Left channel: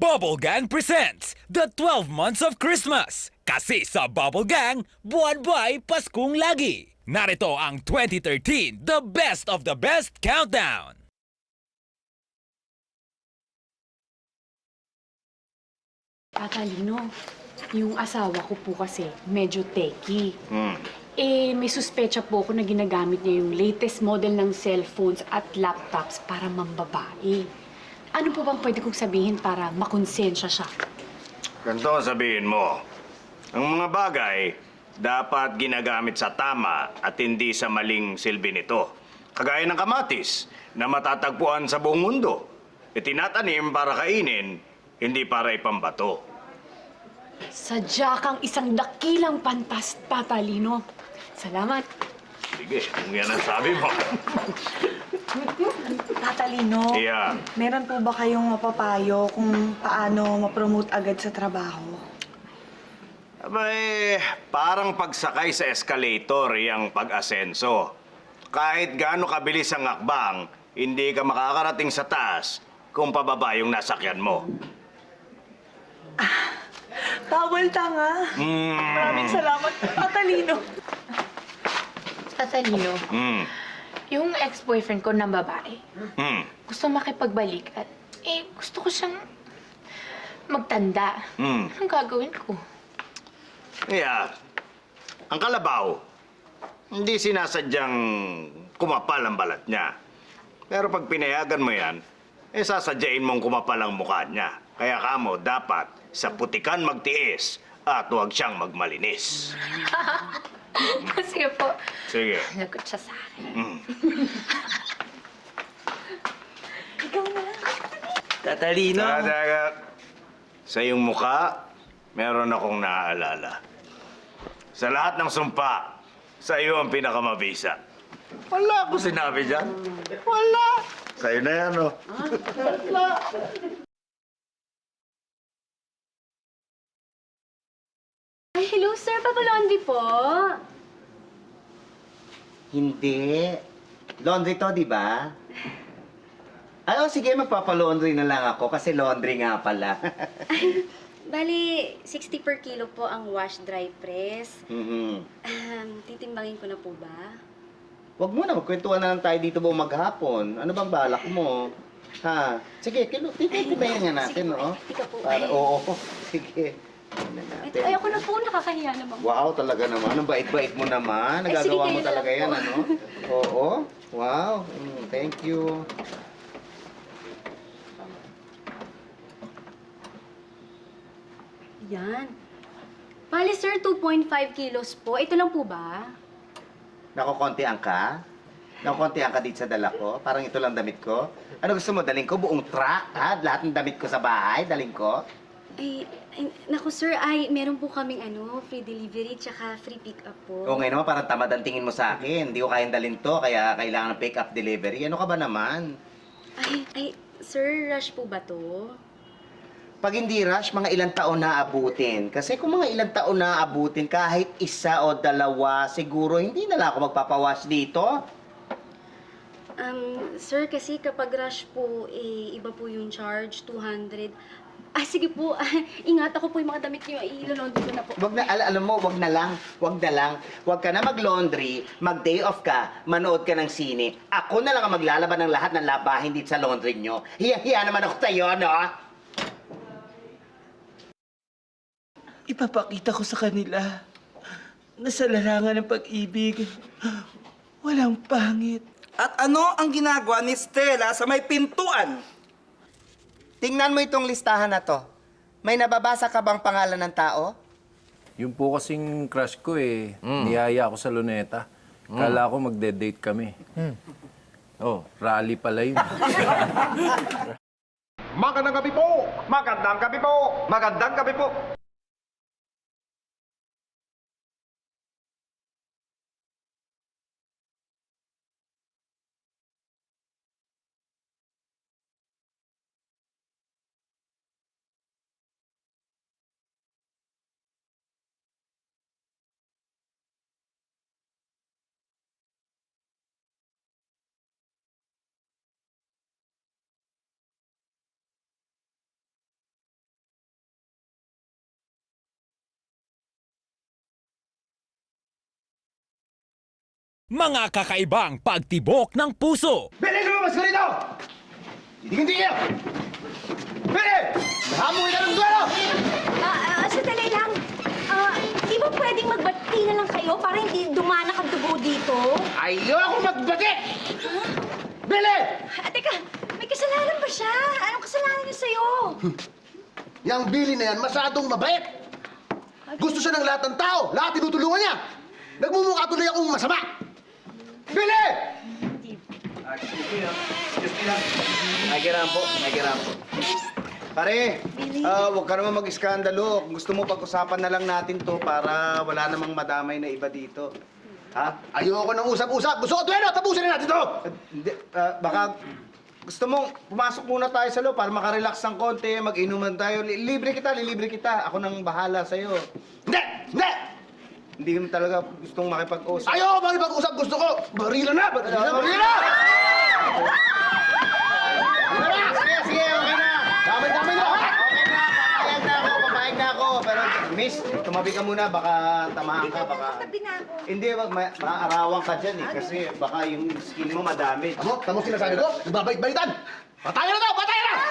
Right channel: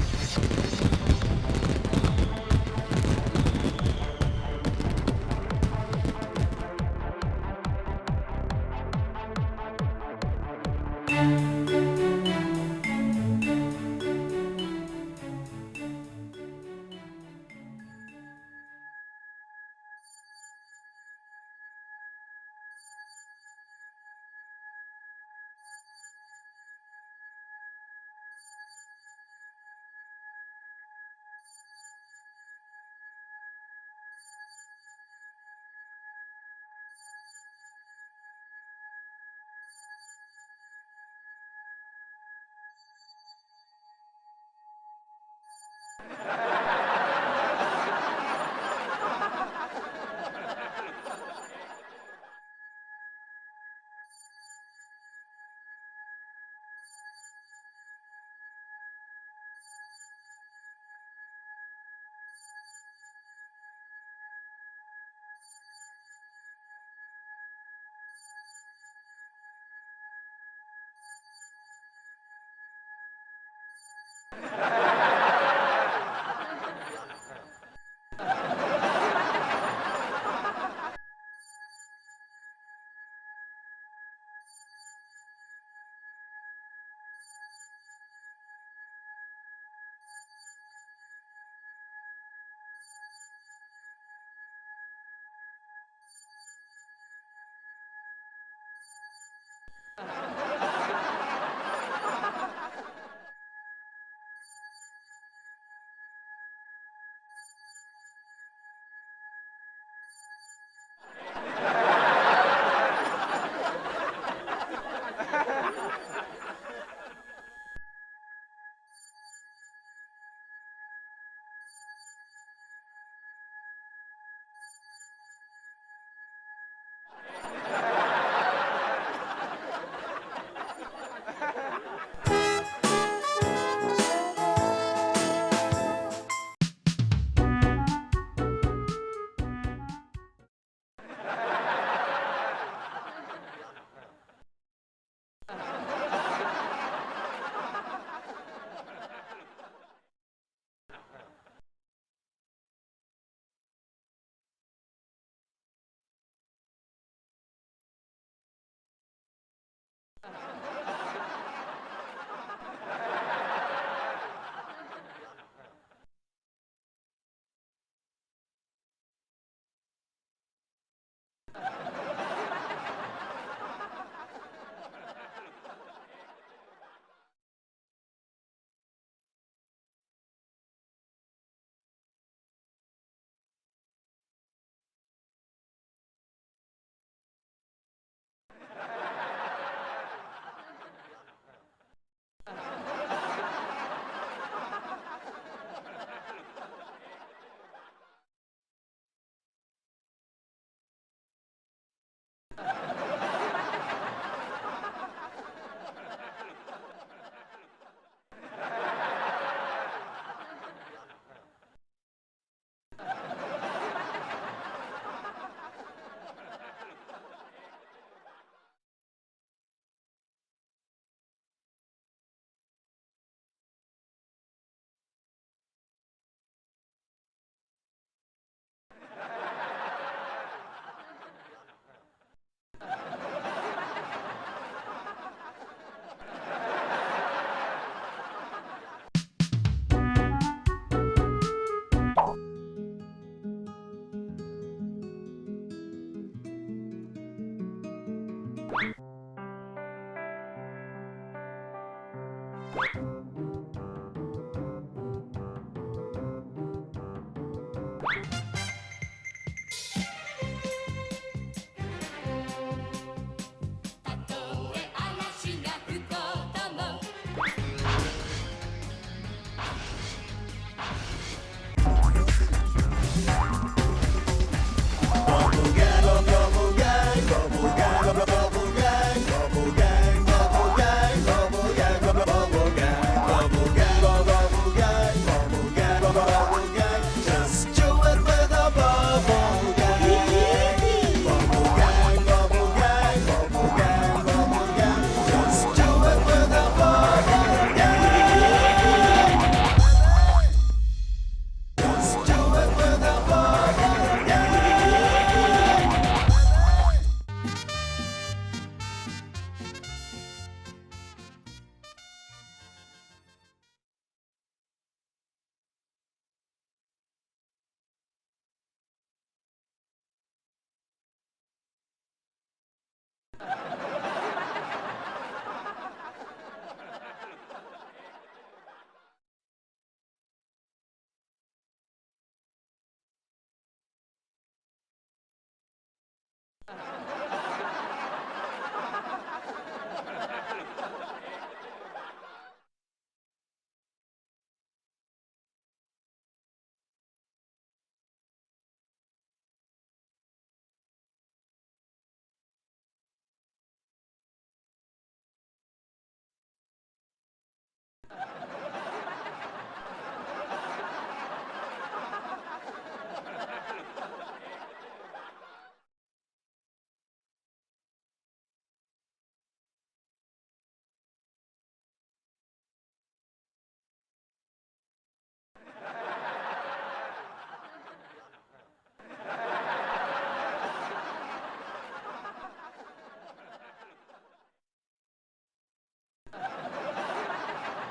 Bubble Gang presents The 12 Months of Christmas. Kasi sa Bubble Gang, buwan-buhay Paskong lagi. Narito ang 2013 The Best of the Best Countdown. Tatalino, yung asawa ko po kasi medyo techy. Hmm. May suspecha po ako na ginagamit niya yung latest model ng cellphones at laptops para mambabae. Ano po bang pwede kong sabihin para makonsensya siya? Ganito ang sabihin mo. Ang mga bagay dapat ginagamit sa tama at hindi sa maling silbi nito. Kagaya ng kamatis na matatagpuan sa buong mundo. Itinatanim para kainin, hindi para ipambato. Sadya kang isang dakilang pantas, Tatalino. Salamat. Sige, kung yan ang sabi mo. Tatalino, Yeah. meron po ba kayong mapapayo kung paano ma-promote agad sa trabaho? Abay, parang pagsakay sa escalator yung pag-asenso. Kahit gaano kabilis ang akbang, hindi ka makakarating sa taas kung pababa yung nasakyan mo. Tawal tanga. Maraming salamat, Tatalino. Tatalino, Hmm. yung ex-boyfriend ko ng babae, Hmm. gusto makipagbalikan. Gusto ko siyang magtanda. Hmm. Anong gagawin ko? Kaya, ang kalabaw, hindi sinasadyang kumapal ang balat niya. Pero pag pinayagan mo yan, sasadyain mong kumapal ang mukha niya. Kaya kamo dapat sa putikan magtiis at huwag siyang magmalinis. Sige po. Sige. Tatalino. Dagat, sa iyong mukha, meron akong naaalala. Sa lahat ng sumpa, sa iyo ang pinakamabisa. Wala akong sinabi dyan. Wala. Sa'yo na yan, oh. Ay, hello sir, Papalondi po. Hindi. Laundry to, di ba? Ay, sige, magpapalaundry na lang ako kasi laundry nga pala. Bali, 60 per kilo po ang wash dry press. Mhm. Titimbangin ko na po ba? Huwag mo na, magkwentuhan na lang tayo dito buong maghapon. Ano bang balak mo? Ha? Sige, titibayan nga natin, no? Ikaw po. Para, oo, sige. Tingnan natin. Ay, ako na po, nakakahiya naman. Wow, talaga naman. Ang bait-bait mo naman. Ay, sige, Nagagawa mo kayo na talaga lang yan, po. ano? Oo. Wow. Thank you. Yan. Bali sir, 2.5 kilos po. Ito lang po ba? Nakukontihan ka? Nakukontihan ka dito sa dala ko? Parang ito lang damit ko? Ano gusto mo? Daling ko buong truck, ha? Lahat ng damit ko sa bahay, daling ko? Naku sir, meron po kaming free delivery tsaka free pick up po. O ngayon naman, parang tamad ang tingin mo sa akin. Hindi ko kayang dalhin to, kaya kailangan pick up delivery. Ano ka ba naman? Sir, rush po ba to? Pag hindi rush, mga ilang taon na abutin. Kasi kung mga ilang taon na abutin, kahit isa o dalawa, siguro hindi na lang ako magpapawash dito. Sir, kasi kapag rush po, iba po yung charge, 200. Sige po, ingat ako po yung mga damit niyo, ilolondry ko na po. Wag na, alam mo, wag na lang. Wag ka na mag-laundry, mag-day off ka, manood ka ng sine. Ako na lang ang maglalaban ng lahat ng labahin dito sa laundry nyo. Hiya-hiya naman ako sa'yo, no? Ipapakita ko sa kanila na sa larangan ng pag-ibig, walang pangit. At ano ang ginagawa ni Stella sa may pintuan? Tingnan mo itong listahan na to. May nababasa ka bang pangalan ng tao? Yung po kasing crush ko niyaya ako sa Luneta. Kala ko magde-date kami. Oh, rally pala yun. Magandang gabi po! Magandang gabi po! Magandang gabi po! kakaibang pagtibok ng puso. Billy, lumabas ka rito! Hindi kayo! Billy! Nahamoy ka ng duelo! Sandali lang. Di ba pwedeng magbati na lang kayo para hindi dumanak ang dugo dito? Ayoko magbati! Billy! Teka, may kasalanan ba siya? Anong kasalanan niya sa'yo? Yang Billy na yan, masyadong mabait. Gusto siya ng lahat ng tao. Lahat tinutulungan niya. Nagmumukha tuloy akong masama. Billy! May kirampo. Pare, huwag ka naman mag-iskandalo. Kung gusto mo, pag-usapan na lang natin to para wala namang madamay na iba dito. Ha? Ayoko ng usap-usap. Gusto ko tuwero, tapusin na natin to. Hindi, baka gusto mo, pumasok muna tayo sa loob para makarelax ng konti, mag-inuman tayo. Lilibre kita. Ako nang bahala sa'yo. Hindi! Hindi! Hindi ko talaga gustong makipag-usap. Ayoko makipag-usap. Gusto ko. Barila na! Barila! Sige, okay na. Damay-damay na! Okay na, papayag na ako. Pero, miss, tumabi ka muna, baka tamahan ka. Hindi, maaarawan ka dyan eh. Kasi baka yung skin mo madami. Tamo sinasabi ko? Nagbabait-baitan! Patayan na to! Patayan na!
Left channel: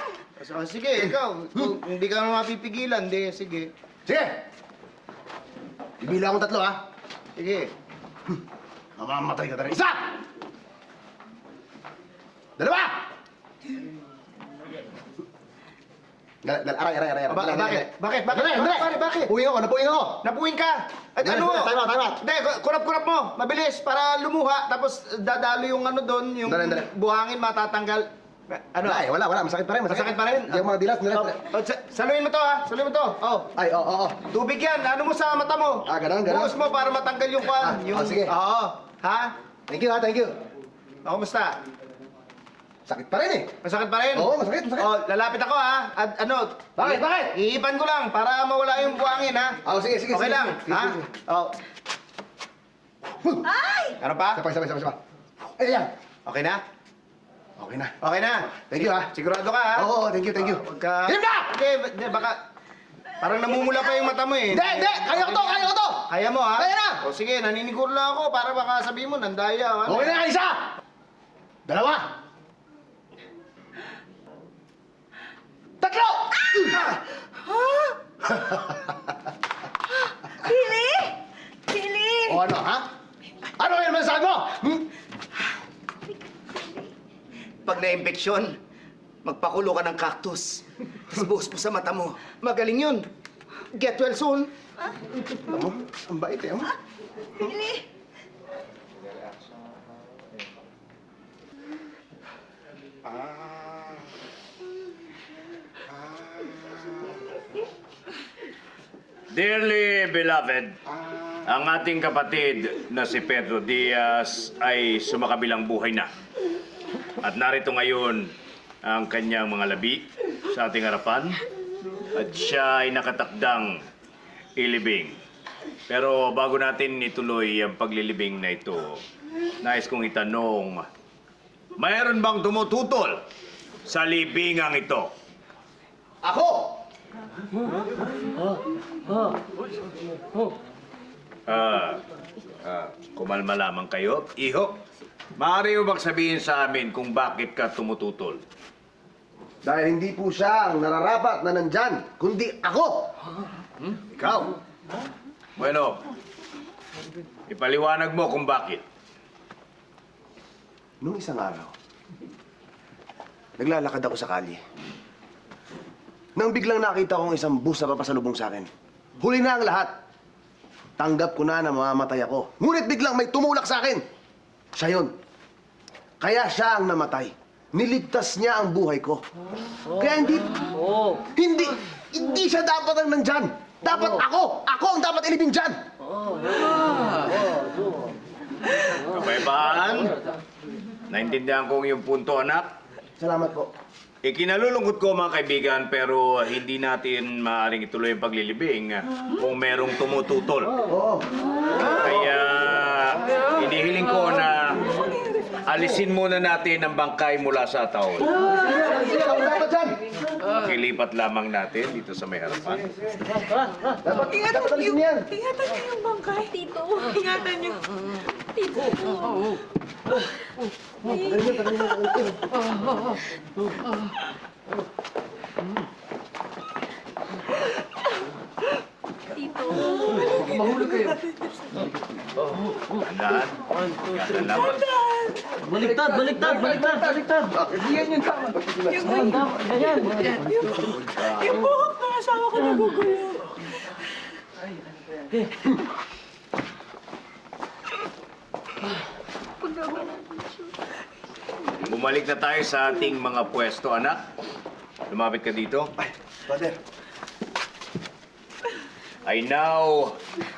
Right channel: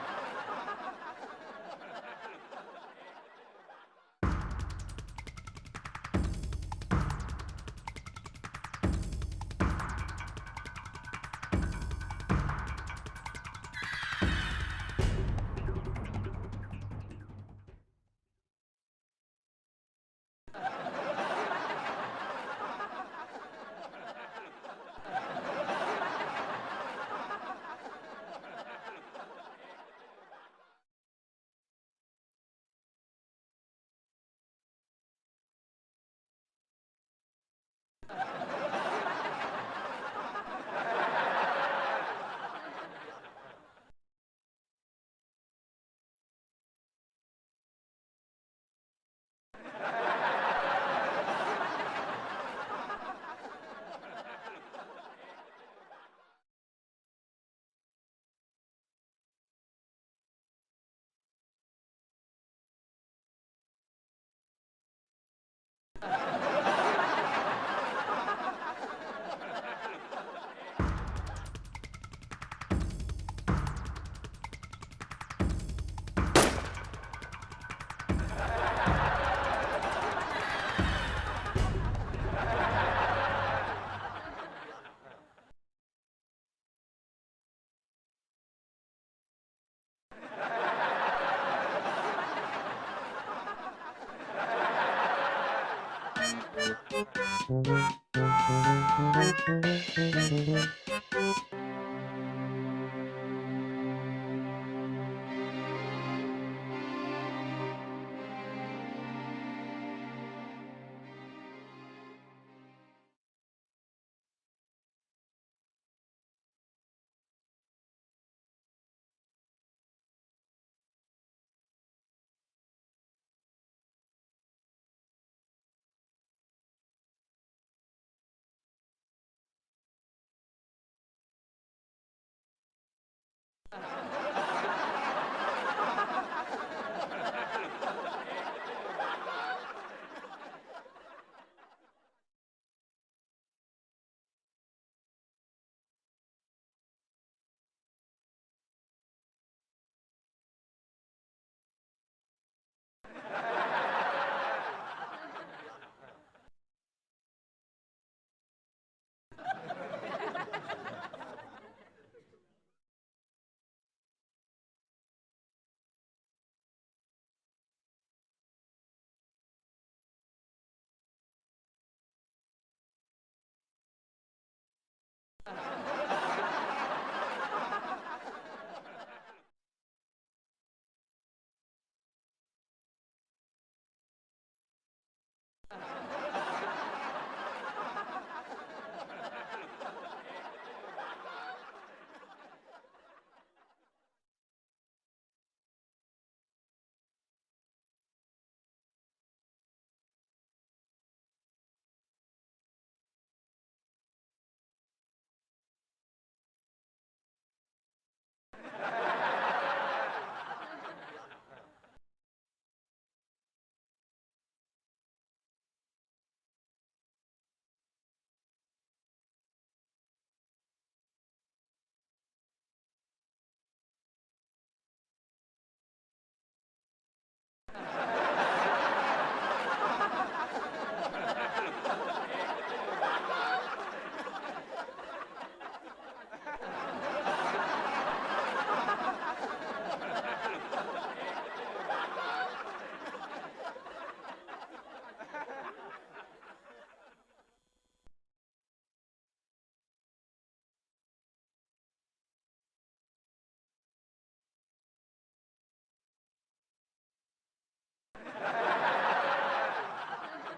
Sige, ikaw. Kung hindi ka naman mapipigilan, hindi, sige. Sige! Bibila akong 3, ha? Sige. Mamamatay ka talaga. 1! 2! Aray. Bakit? Bakit? Puwing ako, napuwing ako. Napuwing ka! At ano? Time out. Hindi, kurap mo. Mabilis, para lumuha. Tapos dadalo yung ano doon, yung Dali. buhangin matatanggal. Ano? Ay, wala. Masakit pa rin. Masakit pa rin? Hindi ako mga dilas. Saluhin mo to, ha? Saluhin mo to. Oh. Ay, oo. Tubig yan. Ano mo sa mata mo? Ganon. Buhos mo para matanggal yung kwan. sige. Oo. Ha? Thank you. Kumusta? Sakit pa rin eh. Masakit pa rin? Oo, masakit. Oh, lalapit ako, ha? At ano? Bakit? Iipan ko lang para mawala yung buhangin, ha? Sige. Okay lang, ha? Oh. Ay! Ano pa? Sabay. Ayan. Okay na? Okay na. Okay na. Thank you, ha? Sigurado ka, ha? Oo, thank you. Huwag ka... Him na! Hindi, baka... Parang namumula pa yung mata mo, eh. Hindi! Kaya ko to! Kaya mo, ha? Kaya na! O, sige, naniniguro lang ako para baka sabihin mo, nandaya. Ano? Okay na, 1! 2! 3! Billy! O ano, ha? Ano yung masasabi mo? Pag na-impeksyon, magpakulo ka ng cactus. Tapos mo sa mata mo. Magaling yun. Get well soon. Ang bait eh, oh. Dearly beloved, ang ating kapatid na si Pedro Diaz ay sumakabilang buhay na. At narito ngayon ang kanyang mga labi sa ating harapan at siya ay nakatakdang ilibing. Pero bago natin ituloy ang paglilibing na ito, nais kong itanong, mayroon bang tumututol sa libingang ito? Ako! Kumalma lamang kayo. Iho, maaari mo bang sabihin sa amin kung bakit ka tumututol? Dahil hindi po siya ang nararapat na nandyan, kundi ako! Ikaw! Bueno, ipaliwanag mo kung bakit. Nung isang araw, naglalakad ako sa kalye. Nang biglang nakita kong isang bus na papasalubong sa akin. Huli na ang lahat. Tanggap ko na mamamatay ako. Ngunit biglang may tumulak sa akin. Siya yun. Kaya siya ang namatay. Niligtas niya ang buhay ko. Kaya hindi siya dapat ang nandyan. Dapat ako! Ako ang dapat ilibing dyan! Kapayapaan, naintindihan ko yung punto, anak. Salamat po. Ikinalulungkot ko, mga kaibigan, pero hindi natin maaaring ituloy ang paglilibing kung merong tumututol. Oo. Kaya inihiling ko na alisin muna natin ang bangkay mula sa taon. Sige, wala ka dyan! Pakilipat lamang natin dito sa may harapan. Ingatan niyo yung bangkay. Tito. Ingatan niyo. Tito. Yan naman. Baliktad! Yung buhok ng asawa ko nagugulo. Bumalik na tayo sa ating mga pwesto, anak. Lumapit ka dito. Father. I now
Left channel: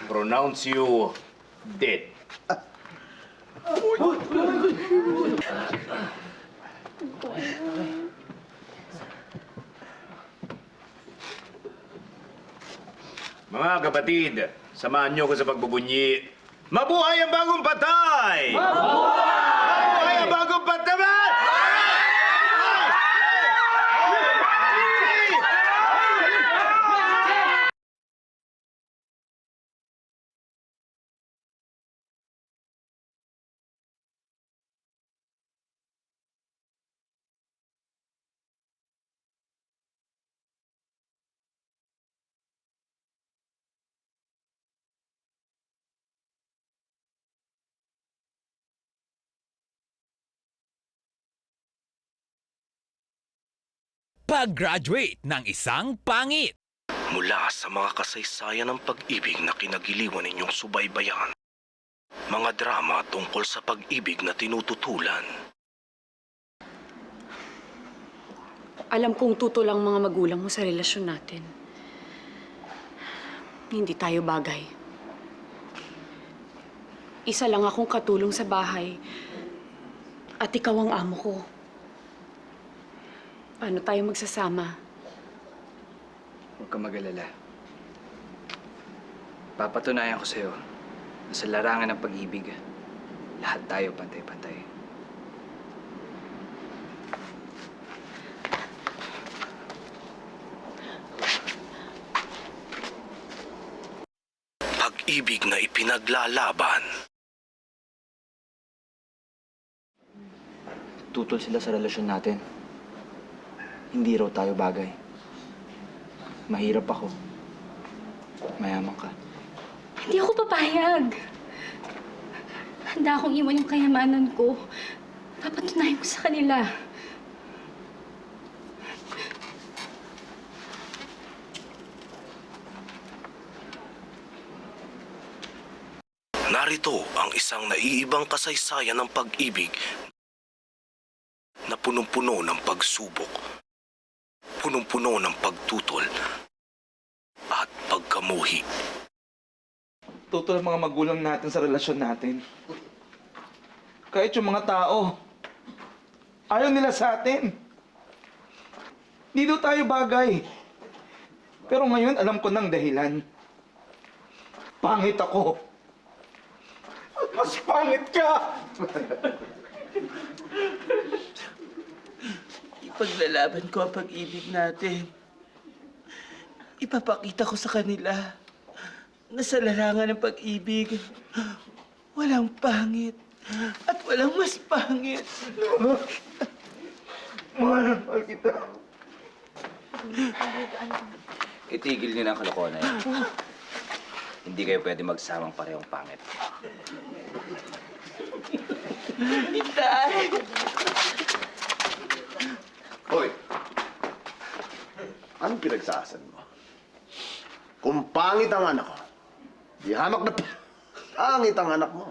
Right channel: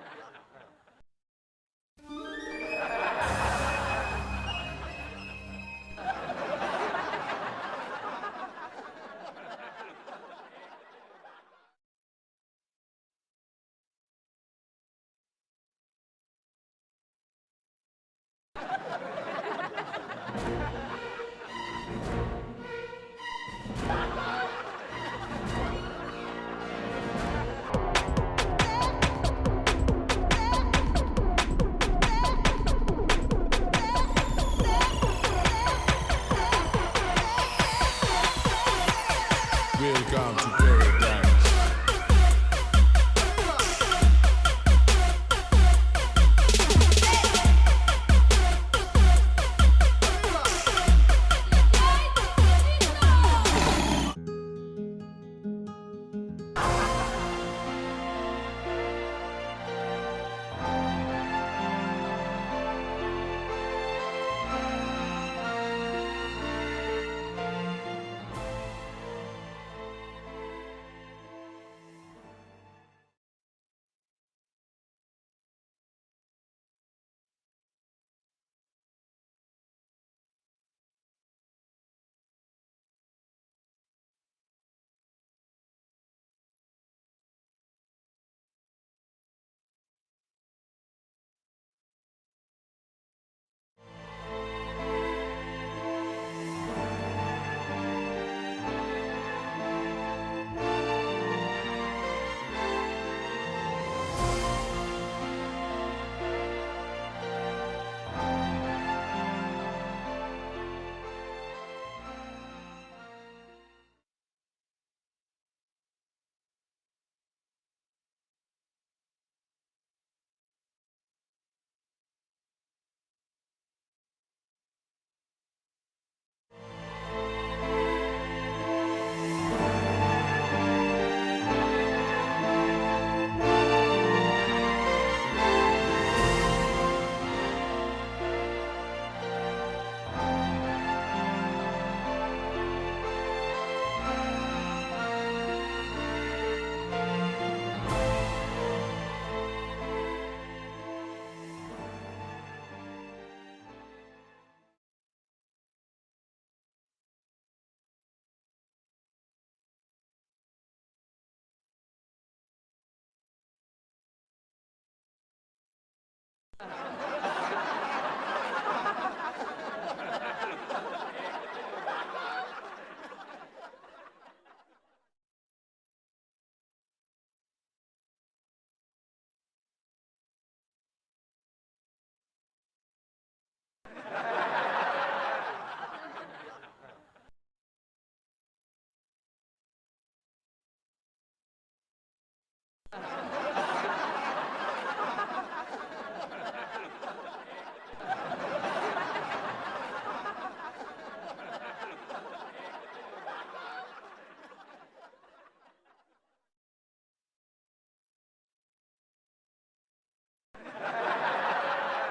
pronounce you dead. Mga kapatid, samahan niyo ko sa pagbubunyi. Mabuhay ang bagong patay! Mabuhay ang bagong patay! Welcome to paradise. Pag-graduate ng isang pangit. Mula sa mga kasaysayan ng pag-ibig na kinagiliwan ninyong subaybayan, mga drama tungkol sa pag-ibig na tinututulan, Alam kong tuto lang mga magulang mo sa relasyon natin. Hindi tayo bagay. Isa lang akong katulong sa bahay. At ikaw ang amo ko. Paano tayo magsasama? Huwag kang mag-alala. Papatunayan ko sa'yo na sa larangan ng pag-ibig, lahat tayo pantay-pantay. pag-ibig na ipinaglalaban. Tutol sila sa relasyon natin. Hindi raw tayo bagay. Mahirap ako. Mayaman ka. Hindi ako papayag. Handa akong iwan yung kayamanan ko. Papatunayan ko sa kanila. Narito ang isang naiibang kasaysayan ng pag-ibig na punong-puno ng pagsubok, punong-puno ng pagtutol at pagkamuhi. Tutol ang mga magulang natin sa relasyon natin. Kahit yung mga tao, ayaw nila sa atin. Di daw tayo bagay. Pero ngayon, alam ko ng dahilan. Pangit ako. Mas pangit ka! Ipaglalaban ko ang pag-ibig natin. Ipapakita ko sa kanila na sa larangan ng pag-ibig, walang pangit at walang mas pangit. Mahal kita. Itigil niyo na ang kalokohan na yan. Hindi kayo pwede magsawang pareho pangit. Itay! Hoy! Anong pinagsasan mo? Kung pangit ang anak ko, di hamak na pangit ang anak mo.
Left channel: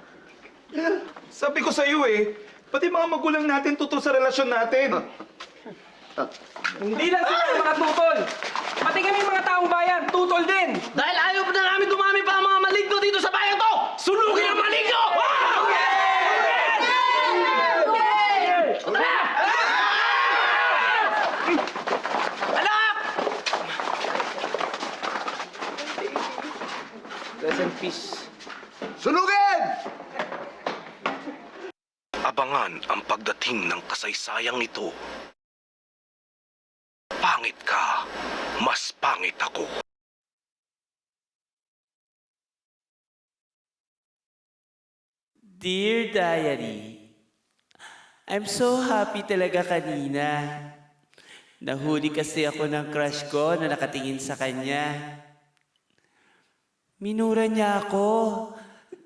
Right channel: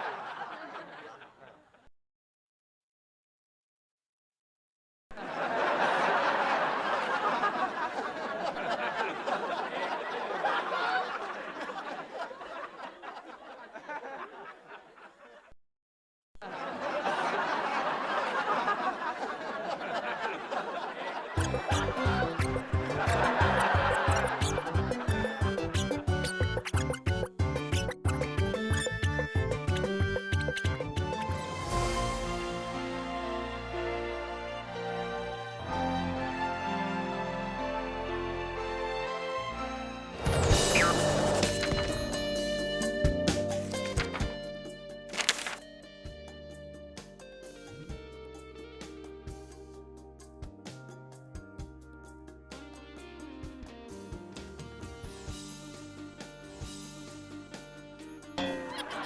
Sabi ko sa'yo eh, pati mga magulang natin tutol sa relasyon natin. Hindi lang tayo mga tutol! Pati kami mga taong bayan, tutol din! Dahil ayaw na namin dumami pa ang mga maligno dito sa bayan to! Sunugin ang maligno! Rest in peace. Sunugin! Abangan ang pagdating ng kasaysayang ito. Pangit. pangit ka, mas pangit ako. Dear Diary, I'm so happy talaga kanina. Nahuli kasi ako ng crush ko na nakatingin sa kanya. Minura niya ako.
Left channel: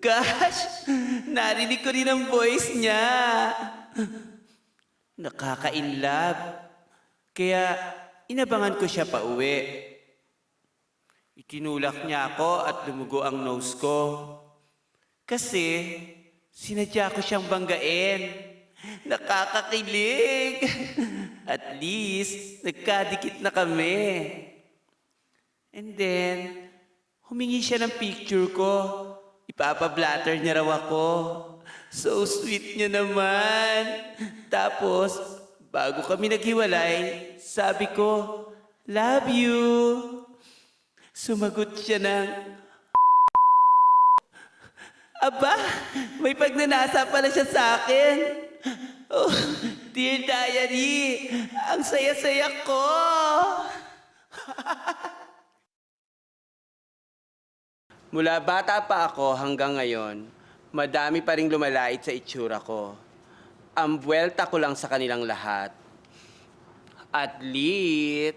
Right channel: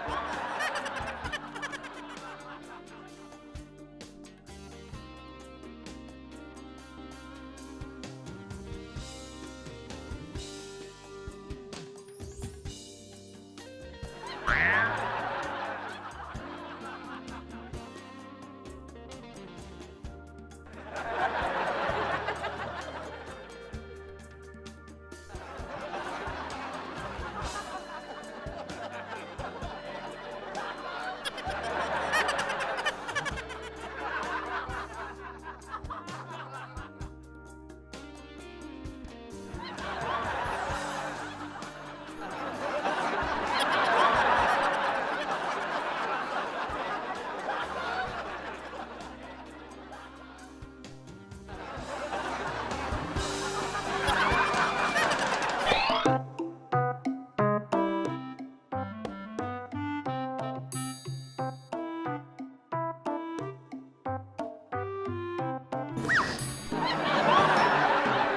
Gosh! Narinig ko rin ang voice niya. Nakaka-inlove. Kaya inabangan ko siya pa uwi. Kinulak niya ako at lumugo ang nose ko. Kasi sinadya ko siyang banggain. Nakakakilig. At least, nagkadikit na kami. And then, humingi siya ng picture ko. Ipapablatter niya raw ako. So sweet niya naman. Tapos, bago kami naghiwalay, sabi ko, love you. Sumagot siya ng, aba, may pagnanasa pala siya sa akin. Oh, Dear Diary, ang saya-saya ko. Mula bata pa ako hanggang ngayon, madami pa ring lumalait sa itsura ko. Ang buwelta ko lang sa kanilang lahat. At lit.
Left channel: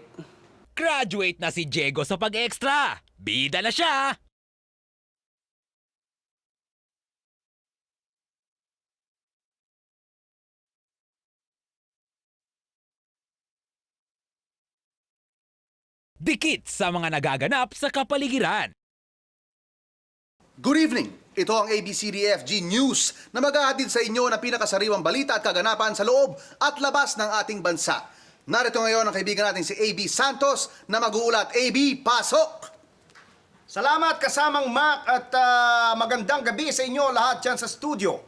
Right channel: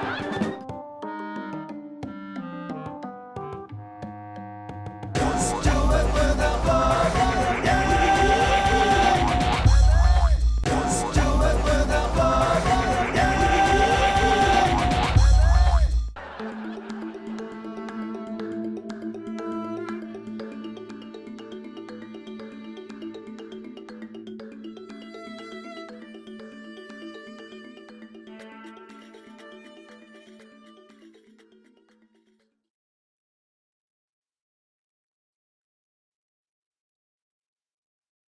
Graduate na si Diego sa pag-extra. Bida na siya. Dikit sa mga nagaganap sa kapaligiran. Good evening! Ito ang ABCDFG News na maghahatid sa inyo ng pinakasariwang balita at kaganapan sa loob at labas ng ating bansa. Narito ngayon ang kaibigan natin si AB Santos na mag-uulat. AB, pasok! Salamat kasamang Mac at magandang gabi sa inyo lahat dyan sa studio.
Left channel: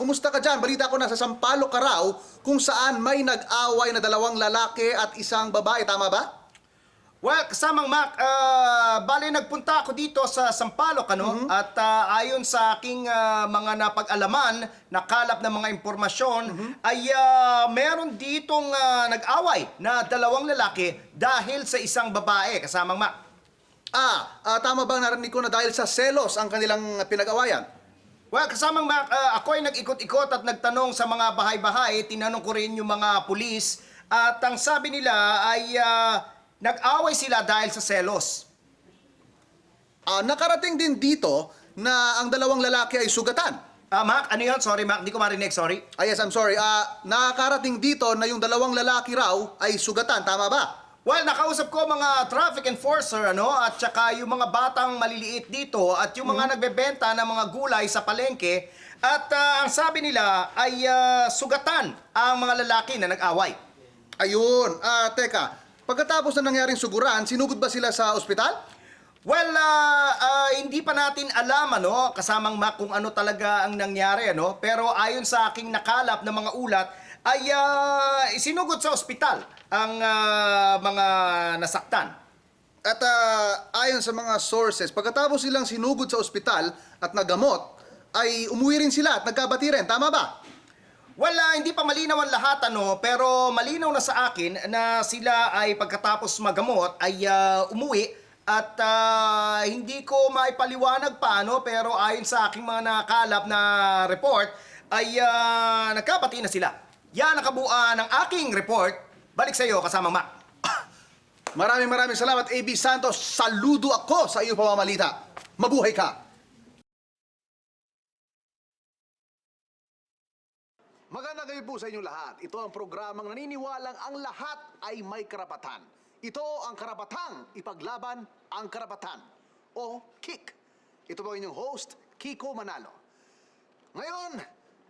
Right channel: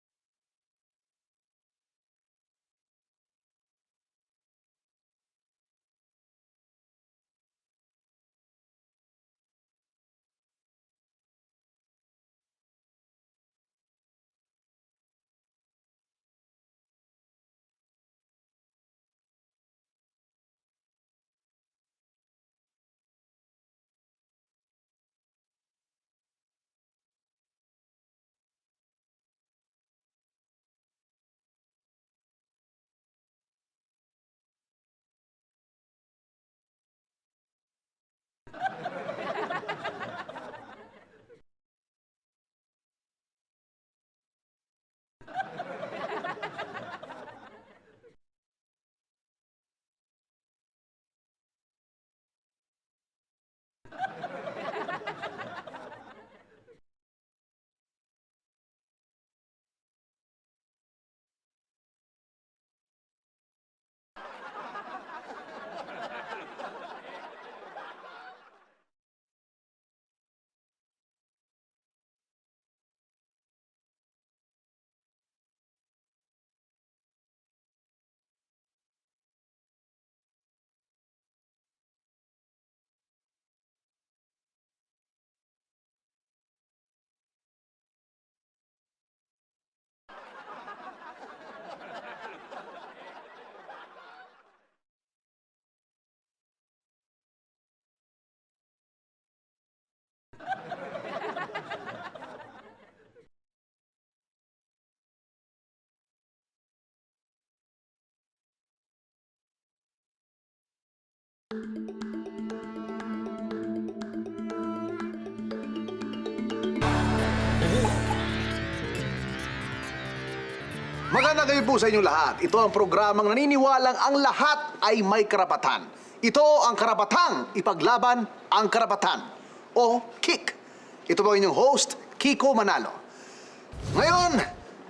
Kumusta ka dyan? Balita ko nasa Sampaloc ka raw kung saan may nag-away na 2 lalaki at 1 babae. Tama ba? Well, kasamang Mac, bale nagpunta ako dito sa Sampaloc, at ayon sa aking mga napag-alaman, nakalap na mga impormasyon, ay meron ditong nag-away na 2 lalaki dahil sa 1 babae, kasamang Mac. Tama bang narinig ko na dahil sa selos ang kanilang pinag-awayan? Well, kasamang Mac, ako ay nag-ikot-ikot at nagtanong sa mga bahay-bahay, tinanong ko rin yung mga pulis, at ang sabi nila ay nag-away sila dahil sa selos. Nakarating din dito na ang 2 lalaki ay sugatan. Mac, ano yun? Sorry, Mac, hindi ko marinig, sorry. Yes, I'm sorry. Nakarating dito na yung 2 lalaki raw ay sugatan. Tama ba? Well, nakausap ko mga traffic enforcer, at saka yung mga batang maliliit dito at yung mga nagbebenta ng mga gulay sa palengke. At ang sabi nila ay sugatan ang mga lalaki na nag-away. Ayun. Teka, pagkatapos na nangyaring suguran, sinugod ba sila sa ospital? Well, hindi pa natin alam, kasamang Mac, kung ano talaga ang nangyari, Pero ayon sa aking nakalap na mga ulat, ay isinugod sa ospital ang mga nasaktan. At ayon sa mga sources, pagkatapos silang sinugod sa ospital at nagamot, ay umuwi rin sila at nagkabati rin. Tama ba? Well, hindi pa malinaw ang lahat, pero malinaw na sa akin na sila ay pagkatapos magamot ay umuwi at hindi ko maipaliwanag pa, pero ayon sa aking mga nakalap na report ay nagkabati na sila. Yan nakabuuan ng aking report. Balik sa iyo, kasamang Mac. Maraming salamat, AB Santos. Saludo ako sa iyo pamamalita. Mabuhay ka! Magandang gabi po sa inyong lahat. Ito ang programang naniniwalang ang lahat ay may karapatan. Ito ang karapatang ipaglaban ang karapatan. O KIK. Ito po inyong host, Kiko Manalo. Ngayon,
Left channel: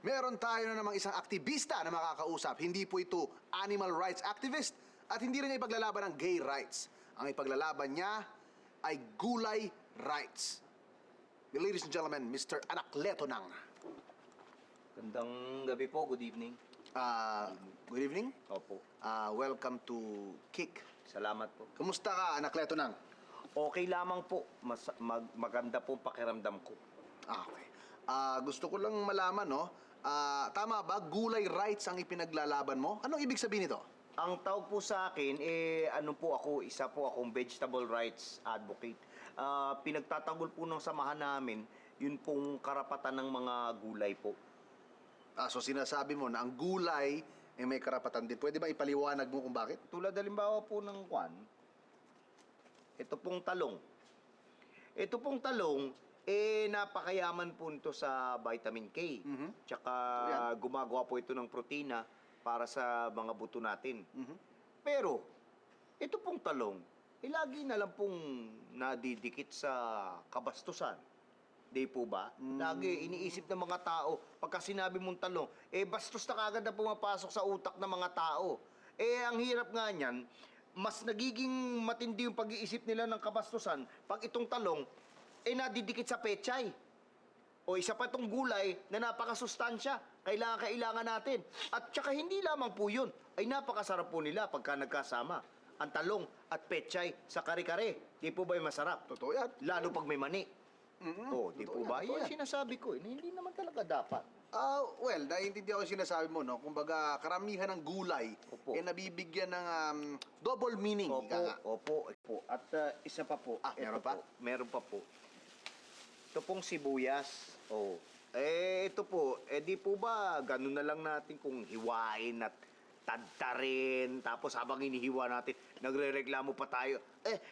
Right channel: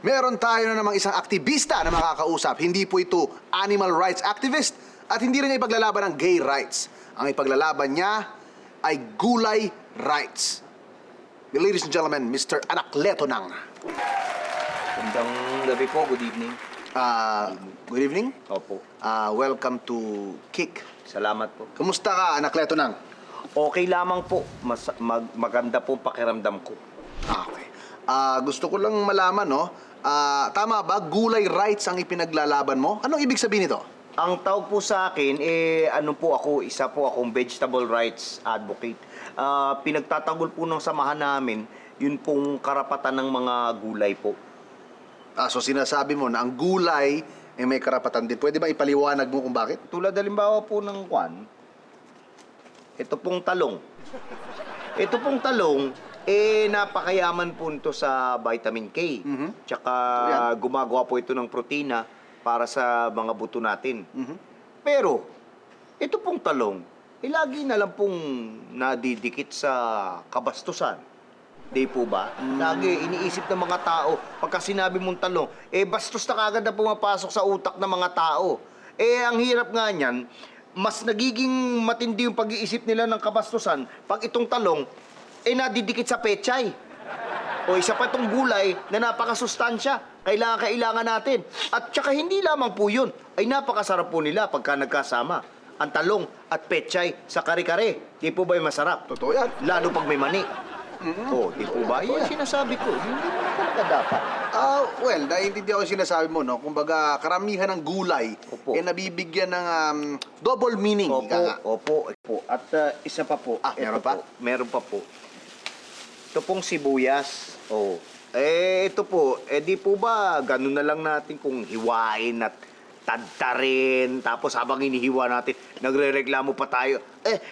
meron tayo na namang isang aktivista na makakausap. Hindi po ito animal rights activist at hindi rin niya ipaglalaban ng gay rights. Ang ipaglalaban niya ay gulay rights. Ladies and gentlemen, Mr. Anacleto Nang. Magandang gabi po, good evening. Good evening. Opo. Welcome to KIK. Salamat po. Kumusta ka, Anacleto Nang? Okay lamang po. Maganda po pakiramdam ko. Okay. Gusto ko lang malaman, tama ba, gulay rights ang ipinaglalaban mo? Anong ibig sabihin nito? Ang tawag po sa akin, isa po akong vegetable rights advocate. Pinagtatanggol po ng samahan namin, yun pong karapatan ng mga gulay po. So sinasabi mo na ang gulay may karapatan din. Pwede ba ipaliwanag mo kung bakit? Tulad halimbawa po ng ito pong talong. Ito pong talong, napakayaman po ito sa vitamin K. Tsaka gumagawa po ito ng protina para sa mga buto natin. Pero, ito pong talong, lagi na lang pong nadidikit sa kabastusan. Di po ba? Lagi iniisip ng mga tao, pagka sinabi mong talong, bastos na kagad na pumapasok sa utak ng mga tao. Ang hirap nga niyan, mas nagiging matindi yung pag-iisip nila ng kabastusan pag itong talong, nadidikit sa pechay. O isa pa itong gulay na napakasustansya. Kailangan natin. At tsaka hindi lamang po yun, ay napakasarap po nila pagka nagkasama. Ang talong at pechay sa kare-kare. Di po ba yung masarap? Totoo yan. Lalo pag may mani. Di po ba? Yan sinasabi ko. Hindi mo na talaga dapat. Well, naiintindihan ko yung sinasabi mo, no? Kumbaga, karamihan ng gulay, nabibigyan ng double meaning. Opo. At isa pa po. Meron pa? Meron pa po. Ito pong sibuyas. Ito po, di po ba, ganun na lang natin kung hiwain at tadtarin, tapos habang hinihiwa natin, nagre-reklamo pa tayo.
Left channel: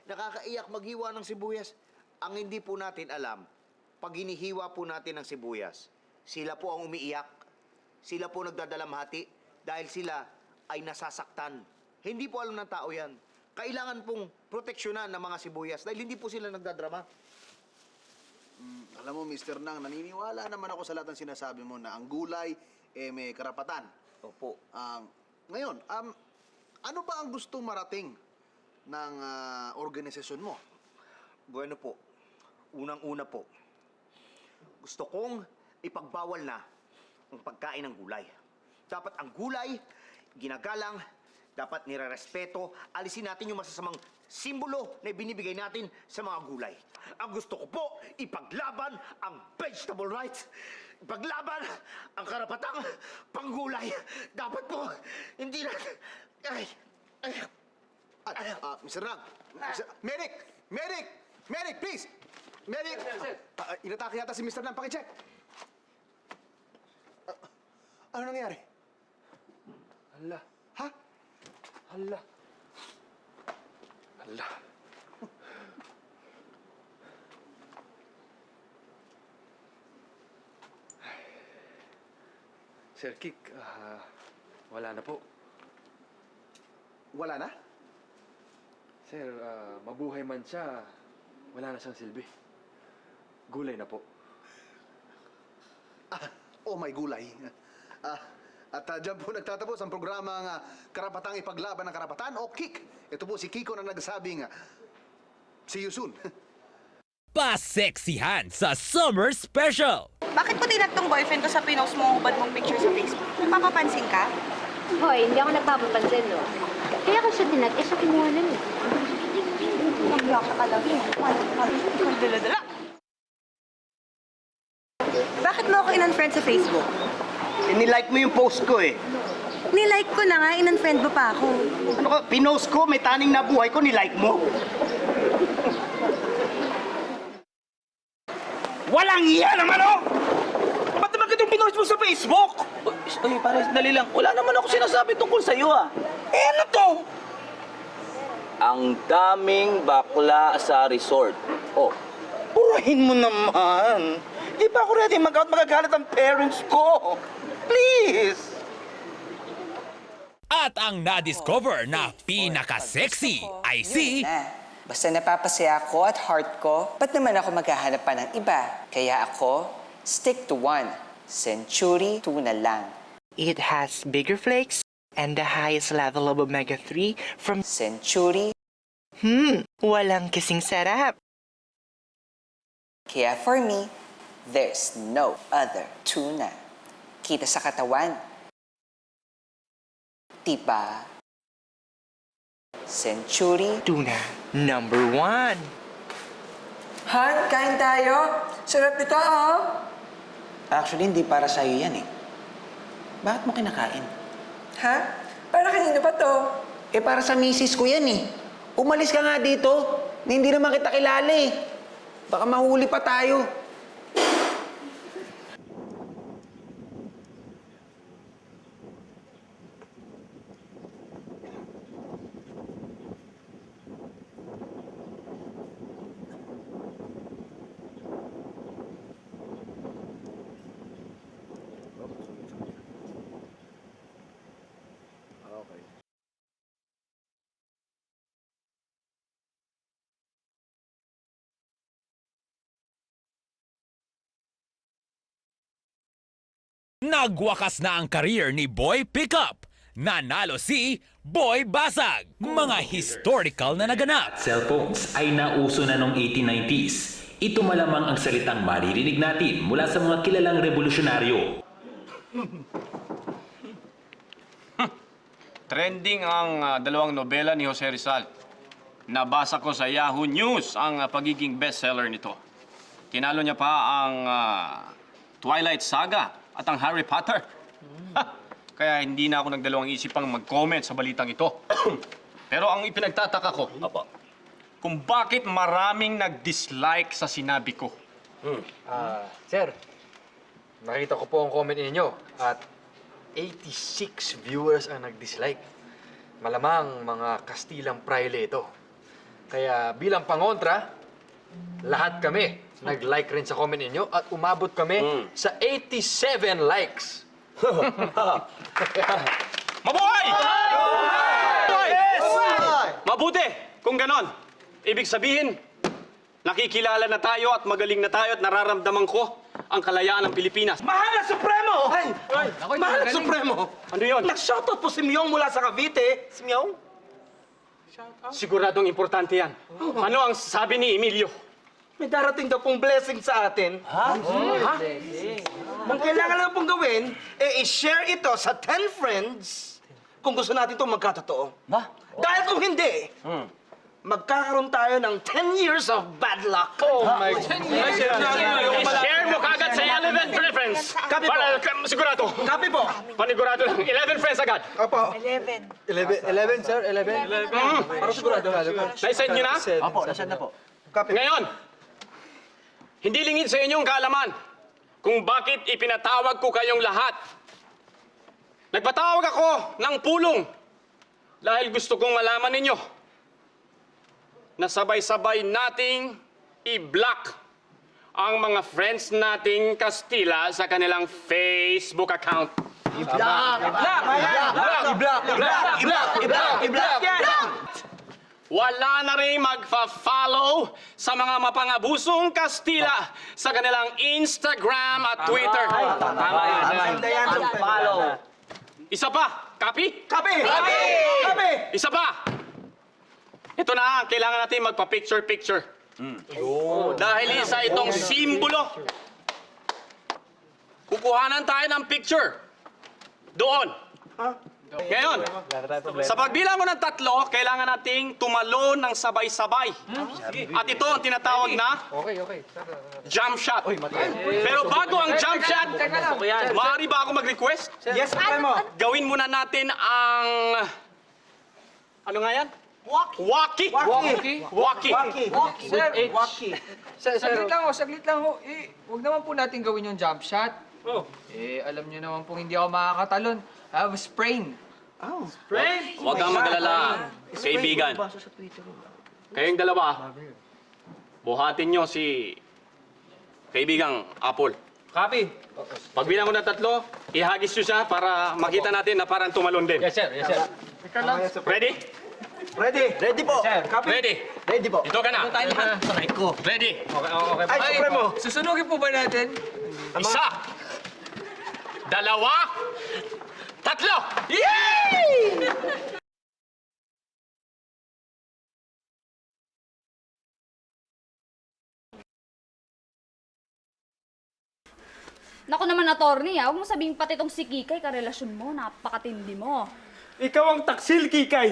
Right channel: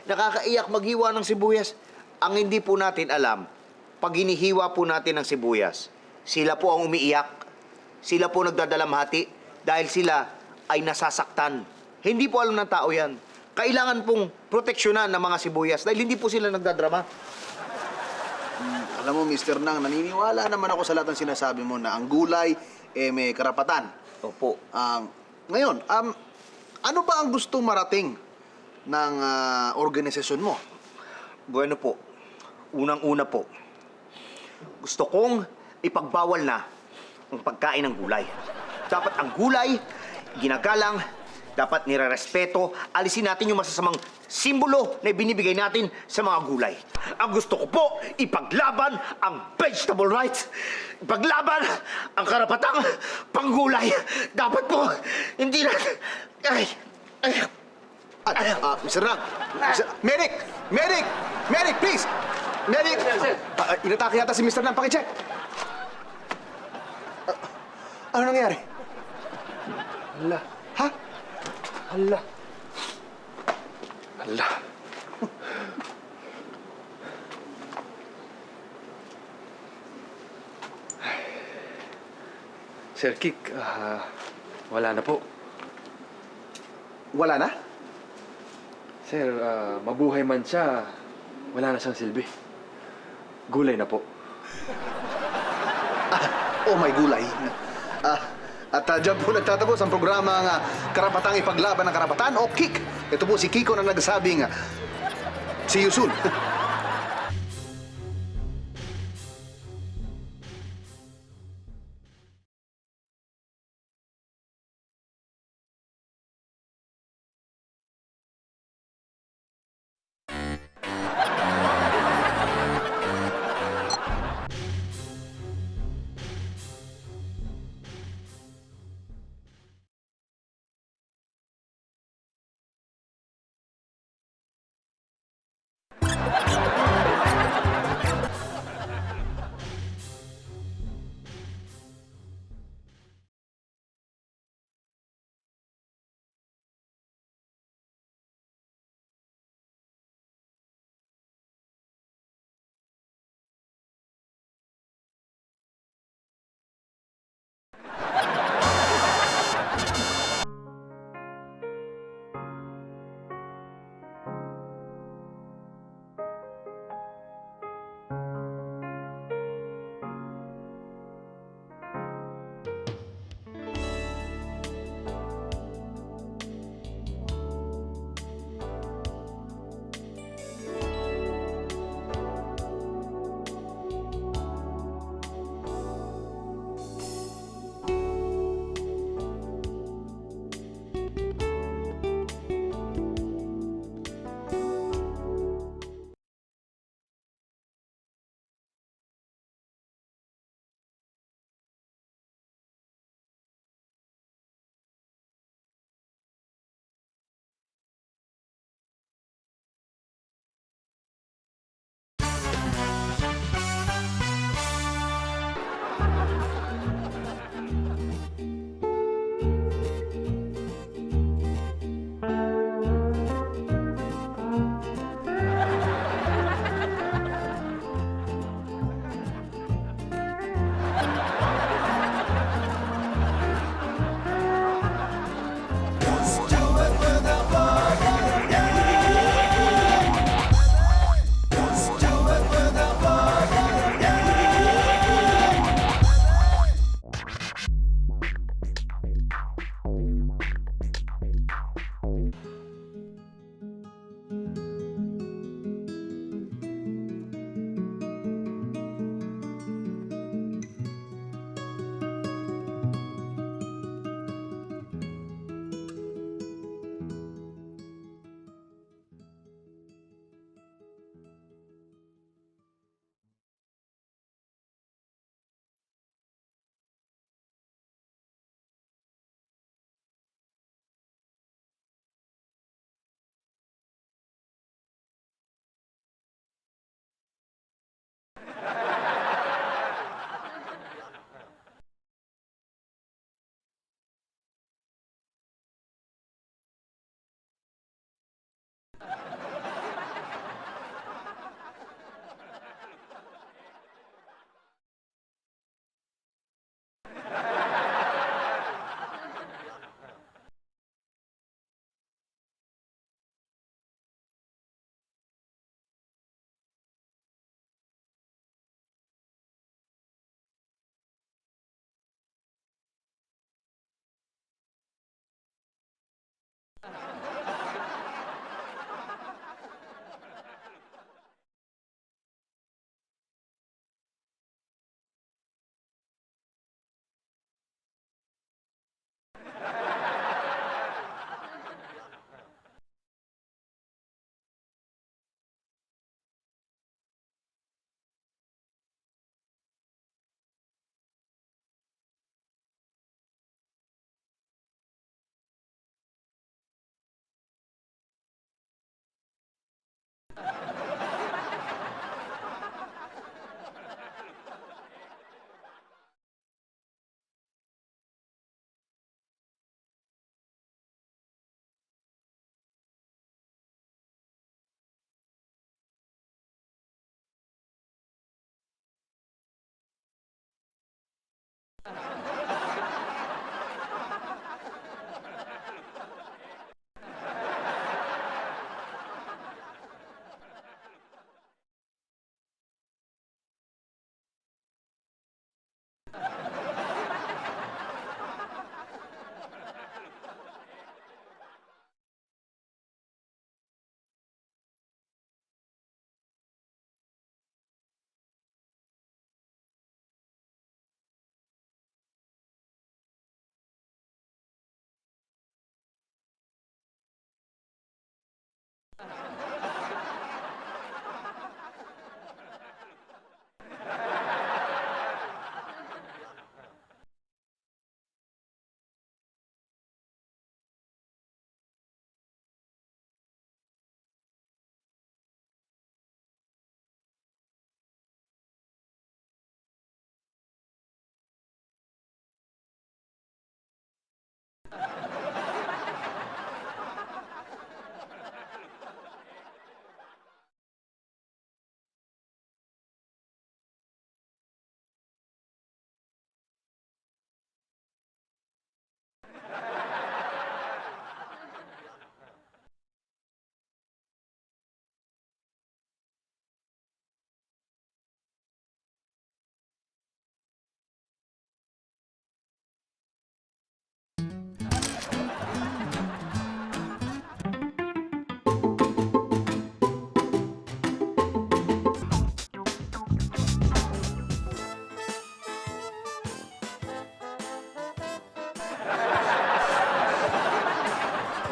Nakakaiyak maghiwa ng sibuyas. Ang hindi po natin alam, pag hinihiwa po natin ng sibuyas, sila po ang umiiyak, sila po nagdadalamhati, dahil sila ay nasasaktan. Hindi po alam ng tao yan. Kailangan pong proteksyonan ng mga sibuyas dahil hindi po sila nagdadrama. Alam mo, Mr. Nang, naniniwala naman ako sa lahat ng sinasabi mo na ang gulay may karapatan. Opo. Ngayon, ano ba ang gusto marating ng organisasyon mo? Bueno po, unang-una po, gusto kong ipagbawal na ang pagkain ng gulay. Dapat ang gulay, ginagalang, dapat nire-respeto, alisin natin yung masasamang simbolo na binibigay natin sa mga gulay. Ang gusto ko po, ipaglaban ang vegetable rights, ipaglaban ang karapatang panggulay. Dapat po, hindi na... Mr. Nang! Medic! Medic! Medic, please! Medic! Inatake yata si Mr. Nang. Pakicheck! Ano nangyari? Hala. Ha? Hala. Sir Kik, wala na po. Wala na? Sir, mabuhay man siya, wala na siyang silbi. Gulay na po. My gulay. At dyan po nagtatapos ang programang Karapatang Ipaglaban ng Karapatan o KIK. Ito po si Kiko na nagsabing, see you soon. Paseksihan sa Summer Special! Bakit mo tinaktong boyfriend ko sa pinost mo hubad mong picture sa Facebook? Napapapansin ka? Hoy, hindi ako nagpapapansin, no? Kaya ko siya tinag, siya kumuha nun eh. Magyaka ka lang. Bakit mo ako in-unfriend sa Facebook? Nilike mo yung post ko eh. Nilike ko na nga, in-unfriend mo pa ako. Ano ka, pinost ko, may taning na buhay ko, nilike mo. Walang iya naman, oh! Ba't naman kitong pinost mo sa Facebook? Uy, pare, dali lang. Wala naman ako sinasabi tungkol sa'yo, ah. Ano to? Ang daming bakla sa resort. Oh, Purahin mo naman. Di ba ako ready mag-out, magagalit ang parents ko? Please! At ang na-discover na pinaka-sexy ay si... Basta napapasaya ako at heart ko, ba't naman ako maghahanap pa ng iba? Kaya ako, stick to one. Century tuna lang. It has bigger flakes and the highest level of omega-3 from Century. Walang kasing sarap. Kaya for me, there's no other tuna. Kita sa katawan. Diba? Century Tuna #1. Han, kain tayo. Sarap ito, oh. actually, hindi para sa'yo yan, eh. Bakit mo kinakain? Ha? Para kanino ba to? Para sa misis ko yan eh. Umalis ka nga dito. Hindi naman kita kilala eh. Baka mahuli pa tayo. Nagwakas na ang career ni Boy Pickup. Nanalo si Boy Basag. Mga historical na naganap. Cellphones ay nauso na noong 1890s. Ito malamang ang salitang maririnig natin mula sa mga kilalang revolusyonaryo. Trending ang dalawang nobela ni Jose Rizal. Nabasa ko sa Yahoo News ang pagiging bestseller nito. Tinalo niya pa ang Twilight Saga at ang Harry Potter. Kaya hindi na ako nagdalawang isipang mag-comment sa balitang ito. Pero ang ipinagtataka ko, kung bakit maraming nag-dislike sa sinabi ko. Sir, nakita ko po ang comment ninyo at 86 viewers ang nag-dislike. Malamang mga Kastilang Praile ito. Kaya bilang pangontra, lahat kami nag-like rin sa comment ninyo at umabot kami sa 87 likes. Mabuhay! Yes! Mabuti! Kung ganon, ibig sabihin, nakikilala na tayo at magaling na tayo at nararamdaman ko ang kalayaan ng Pilipinas. Mahal na Supremo! Mahal na Supremo! Ano yun? Nag-shoutout po si Myong mula sa Cavite. Si Myong? Siguradong importante yan. Ano ang sabi ni Emilio? May darating daw pong blessing sa atin. Ha? Ang kailangan lang pong gawin, i-share ito sa 10 friends kung gusto natin itong magkatotoo. Dahil kung hindi, magkakaroon tayo ng 10 years of bad luck. Oh my God. I-share mo kagad sa 11 friends. Copy po. Para sigurado. Copy po. Panigurado lang. 11 friends agad. Opo. 11, sir? 11? Para sigurado. Naisend nyo na? Opo, nasend na po. Ngayon, hindi lingid sa inyong kaalaman kung bakit ipinatawag ko kayong lahat. Nagpatawag ako ng pulong dahil gusto kong malaman ninyo na sabay-sabay nating i-block ang mga friends nating Kastila sa kanilang Facebook account. Wala na rin magfa-follow sa mga mapangabusong Kastila sa kanilang Instagram at Twitter. Isa pa. Copy? Copy! Isa pa. Ito na, kailangan natin magpa-picture-picture. Dahil isa itong simbolo. Kukuhanan tayo ng picture. Doon. Ngayon, sa pagbilang ko ng 3, kailangan nating tumalon ng sabay-sabay. At ito ang tinatawag na jump shot. Pero bago ang jump shot, maaari ba ako mag-request? Yes, Supremo. Gawin muna natin ang... Ano nga yan? Waki. Saglit lang ho. Huwag naman po natin gawin yung jump shot. Alam niyo naman po hindi ako makakatalon. I have a sprain. Huwag kang mag-alala, kaibigan. Kayong dalawa, buhatin nyo si kaibigang Apple. Copy. Pagbilang ko ng 3, ihagis nyo siya para makita natin na parang tumalon din. Yes, sir. Ready? Ready po. Copy. Ready po. Ito ka na. Ready? Okay. Ay, Supremo. Susunugin po ba natin? 1, 2, 3! Yay! Naku naman, attorney, huwag mo sabihin pati itong si Kikay, karelasyon mo, napakatindi mo. Ikaw ang taksil, Kikay.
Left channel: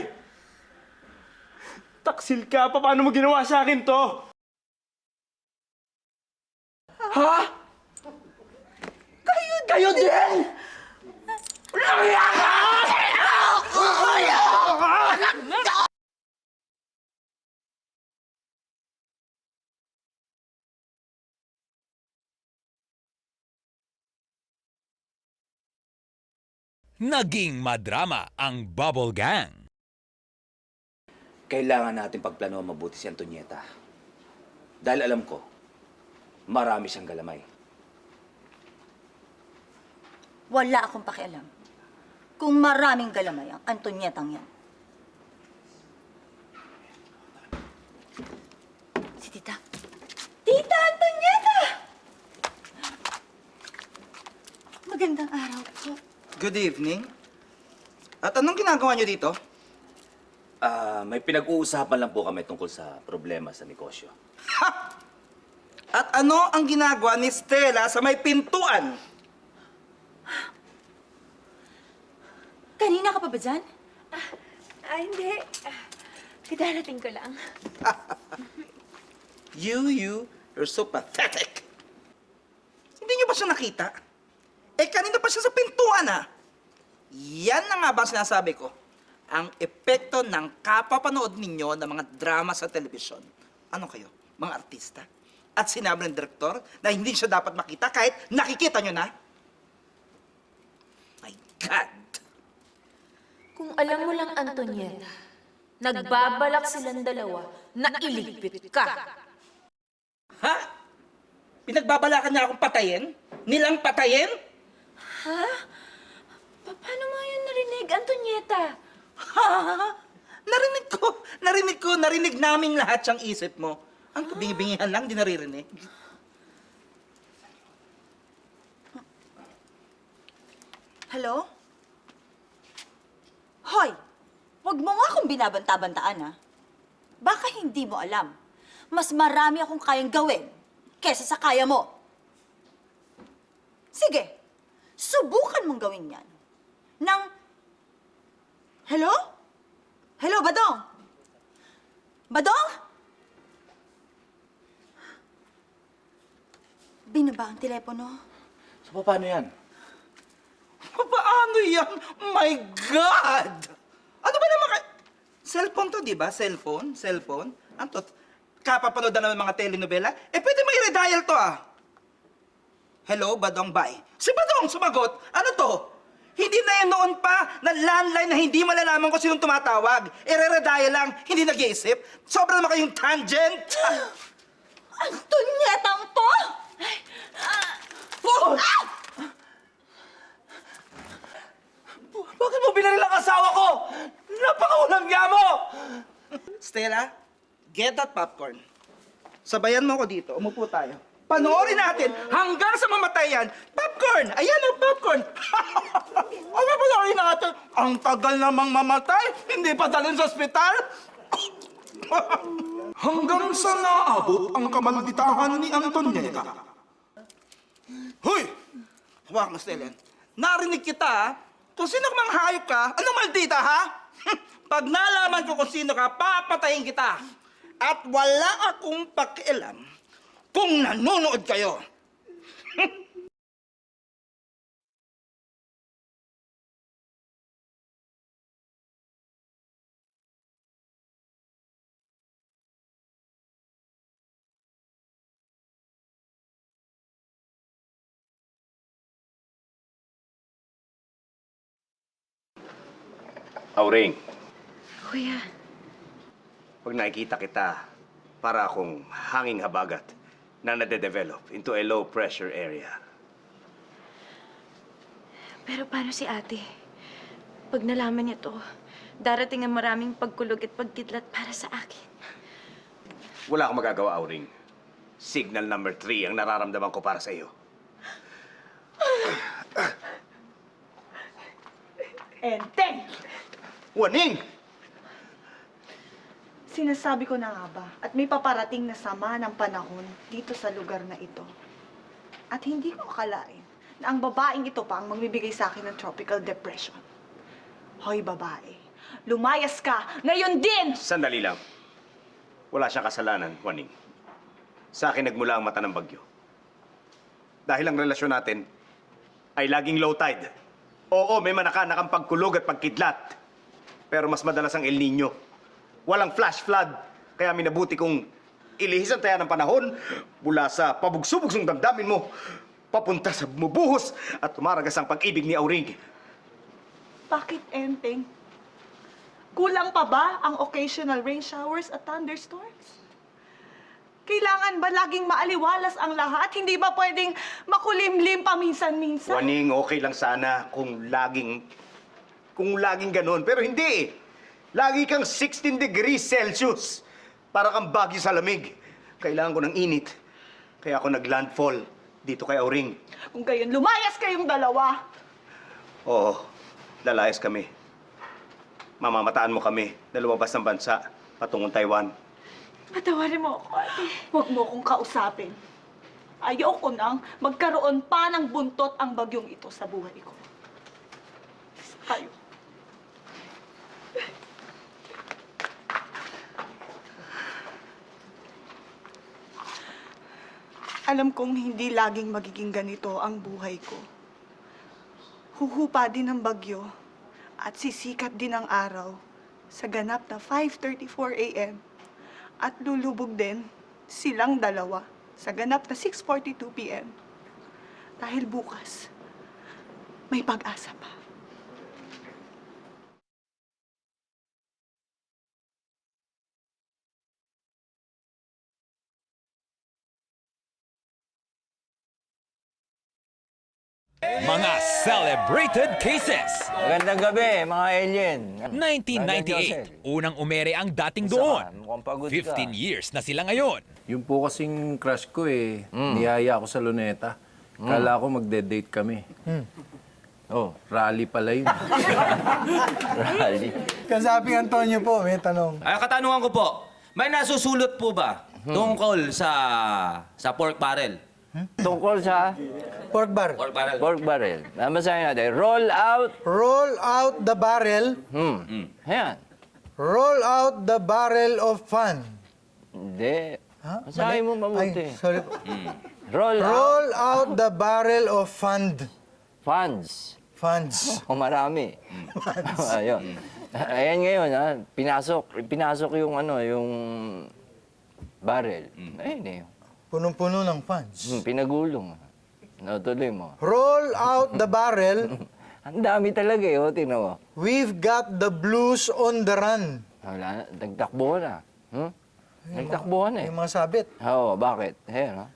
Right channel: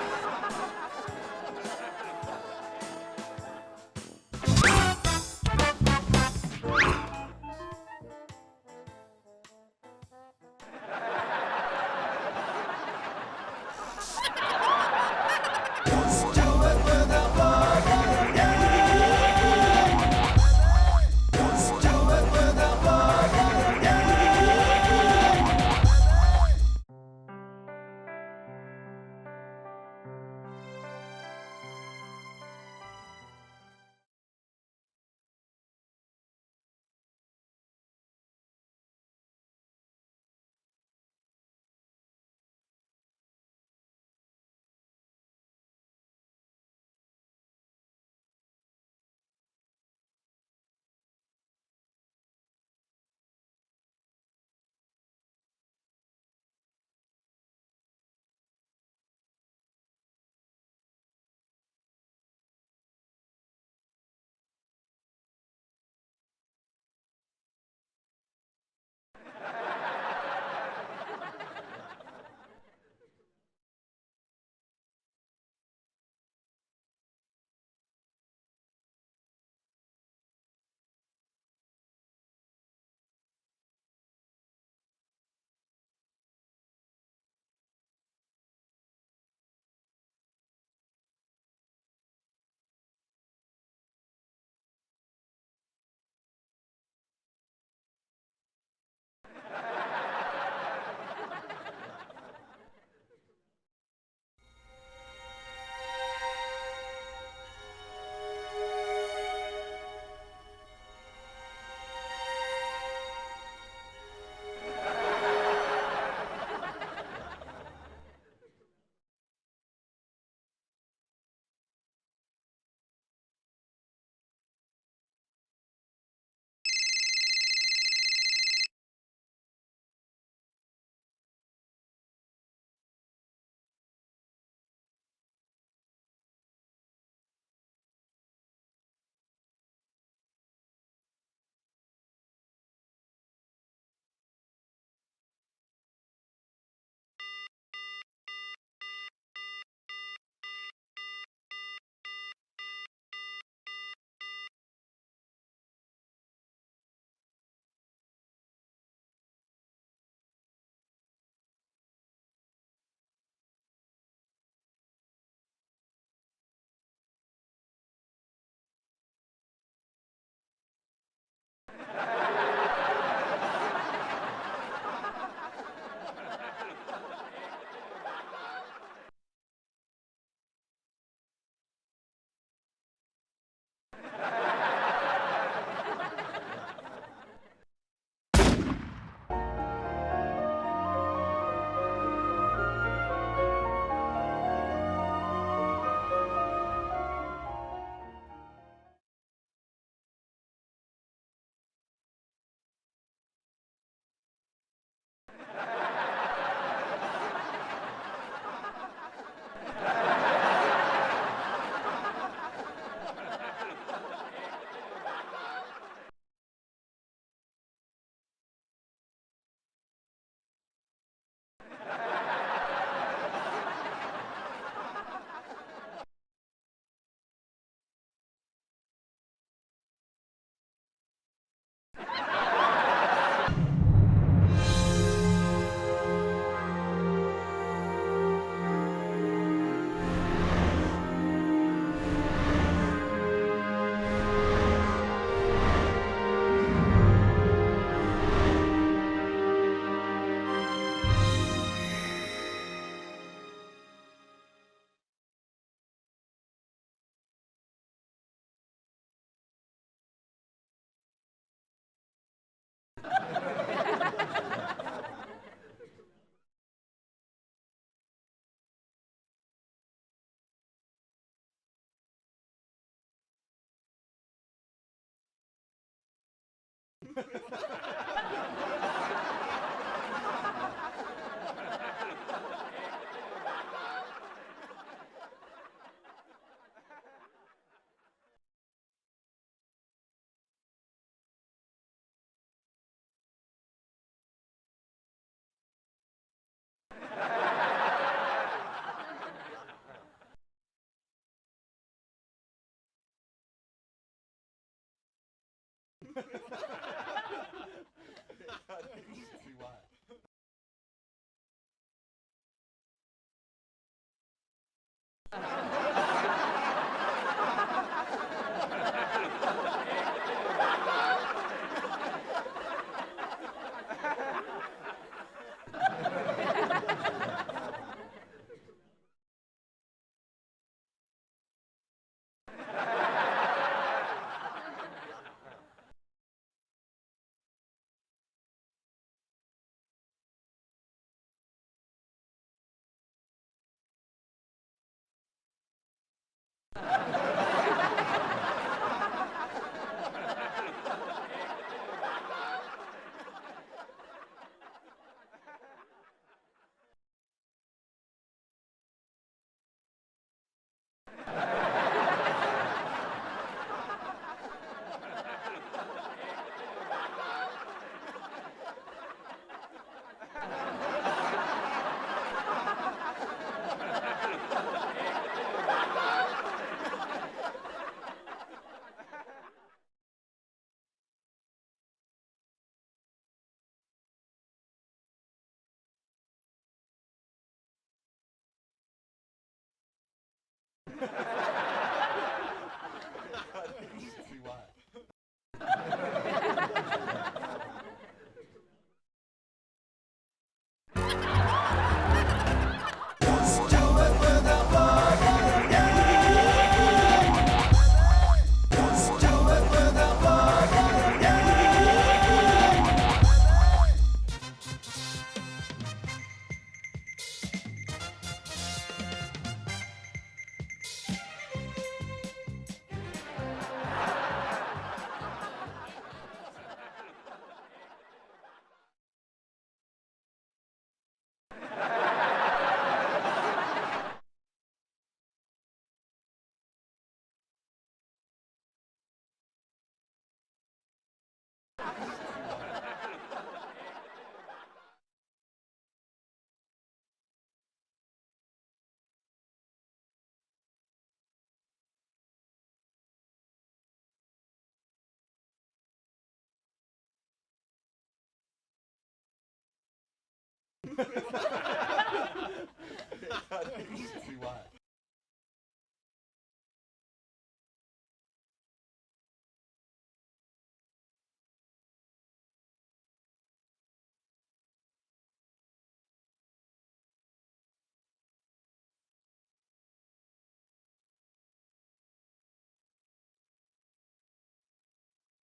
Taksil ka? Paano mo ginawa sa akin to? Ha? Kayo din? naging madrama ang Bubble Gang. Kailangan natin pagplano mabuti si Antonieta. Dahil alam ko, marami siyang galamay. Wala akong pakialam kung maraming galamay ang Antonietang yan. Si Tita. Tita Antonieta! Magandang araw po. Good evening. At anong ginagawa niyo dito? May pinag-uusapan lang po kami tungkol sa problema sa negosyo. At ano ang ginagawa ni Stella sa may pintuan? Kanina ka pa ba dyan? Hindi. Kadarating ko lang. You're so pathetic. Hindi niyo ba siya nakita? Kanina pa siya sa pintuan, ha? Yan na nga ba ang sinasabi ko? Ang epekto ng kapapanood ninyo ng mga drama sa telebisyon. Ano kayo? Mga artista? At sinabi ng direktor na hindi siya dapat makita kahit nakikita nyo na? My God! Kung alam mo lang, Antonieta, nagbabalak silang dalawa na iligpit ka. Ha? Pinagbabalakan niya akong patayin? Nilang patayin? Paano mo yan narinig, Antonieta? Ha? Narinig namin lahat siyang isip mo. Ang bingi-bingihan lang, di naririnig. Hello? Hoy! Huwag mo nga akong binabanta-bantaan, ha? Baka hindi mo alam. Mas marami akong kayang gawin kesa sa kaya mo. Sige, subukan mong gawin yan. Hello? Hello, Badong? Badong? Binaba ang telepono. So, paano yan? Paano yan? My God! Ano ba naman Cellphone to, di ba? Cellphone? Anto, kapapanood na ng mga telenovela? Pwede mo i-redial to, ah. Hello, Badong, bye. Si Badong, sumagot. Ano to? Hindi na yan noon pa na landline na hindi malalaman ko sinong tumatawag. Re-redial lang, hindi nag-iisip. Sobra naman kayong tangent. Tunyetang to! Bakit mo binaril ang asawa ko? Napakaulang niya mo! Stella, get that popcorn. Sabayan mo ko dito. Umupo tayo. Panoorin natin hanggang sa mamatayan. Popcorn! Ayan ang popcorn! Ano ba panoorin natin? Ang tagal namang mamatay. Hindi pa dalhin sa ospital. Hanggang sa naabot ang kamalditahan ni Antonieta. Hoy! Hawak mo, Stella. Narinig kita, ha? Kung sino mang hayop ka, ano maldita, ha? Pag nalaman ko kung sino ka, papatayin kita. At wala akong pakialam kung nanonood kayo. Auring, Kuya, pag nakikita kita, para akong hanging habagat na nade-develop into a low-pressure area. Pero paano si ate? Pag nalaman niya to, darating ang maraming pagkulog at pagkidlat para sa akin. Wala akong magagawa, Auring. Signal number 3 ang nararamdaman ko para sa iyo. Enteng! Waning! Sinasabi ko na nga ba, at may paparating na sama ng panahon dito sa lugar na ito. At hindi ko akalain na ang babaeng ito pa ang magbibigay sa akin ng tropical depression. Hoy, babae, lumayas ka ngayon din! Sandali lang. Wala siyang kasalanan, Waning. Sa akin nagmula ang mata ng bagyo. Dahil ang relasyon natin ay laging low tide. Oo, may manakanakang pagkulog at pagkidlat. Pero mas madalas ang El Nino. Walang flash flood. Kaya minabuti kong ilihis ang taya ng panahon mula sa pabugsubog ng damdamin mo papunta sa bumubuhos at tumaragas ang pag-ibig ni Auring. Bakit, Enteng? Kulang pa ba ang occasional rain showers at thunderstorms? Kailangan ba laging maaliwalas ang lahat? Hindi ba pwedeng makulimlim paminsan-minsan? Waning, okay lang sana kung laging ganun. Pero hindi. Lagi kang 16 degrees Celsius. Parang ang bagyo sa lamig. Kailangan ko ng init. Kaya ako naglandfall dito kay Auring. Kung gayon, lumayas kayong dalawa. Oo, lalayas kami. Mamamataan mo kami na lumabas ng bansa patungong Taiwan. Patawarin mo. Huwag mo akong kausapin. Ayoko nang magkaroon pa ng buntot ang bagyong ito sa buhay ko. Alam kong hindi laging magiging ganito ang buhay ko. Huhupa din ang bagyo at sisikat din ang araw sa ganap na 5:34 a.m. at lulubog din silang dalawa sa ganap na 6:42 p.m. Dahil bukas, may pag-asa. Mga celebrated cases. Magandang gabi, mga alien. 1998, unang umere ang dating doon. 15 years na sila ngayon. Yung po kasing crush ko eh, niyaya ako sa Luneta. Kala ko magde-date kami. Oh, rally pala yun. Rally. Kasaping Antonio po, may tanong. Ay, katanungan ko po, may nasusulot po ba tungkol sa pork barrel? Tungkol sa? Pork barrel. Pork barrel. Pork barrel. Basahin natin. Roll out. Roll out the barrel. Ayan. Roll out the barrel of fun. Hindi. Basahin mo mabuti. Ay, sorry. Roll out the barrel of fund. Funds. Funds. O marami. Ayun. Ayan ngayon, ha? Pinasok yung yung barrel. Ayun eh. Punong-puno ng funds. Pinagulong. Tuloy mo. Roll out the barrel. Ang dami talaga eh, tingnan mo. We've got the blues on the run. Wala na, nagtakbo na. Nagtakbo na eh. Yung mga sabit. Oo, bakit? Ayan, ha?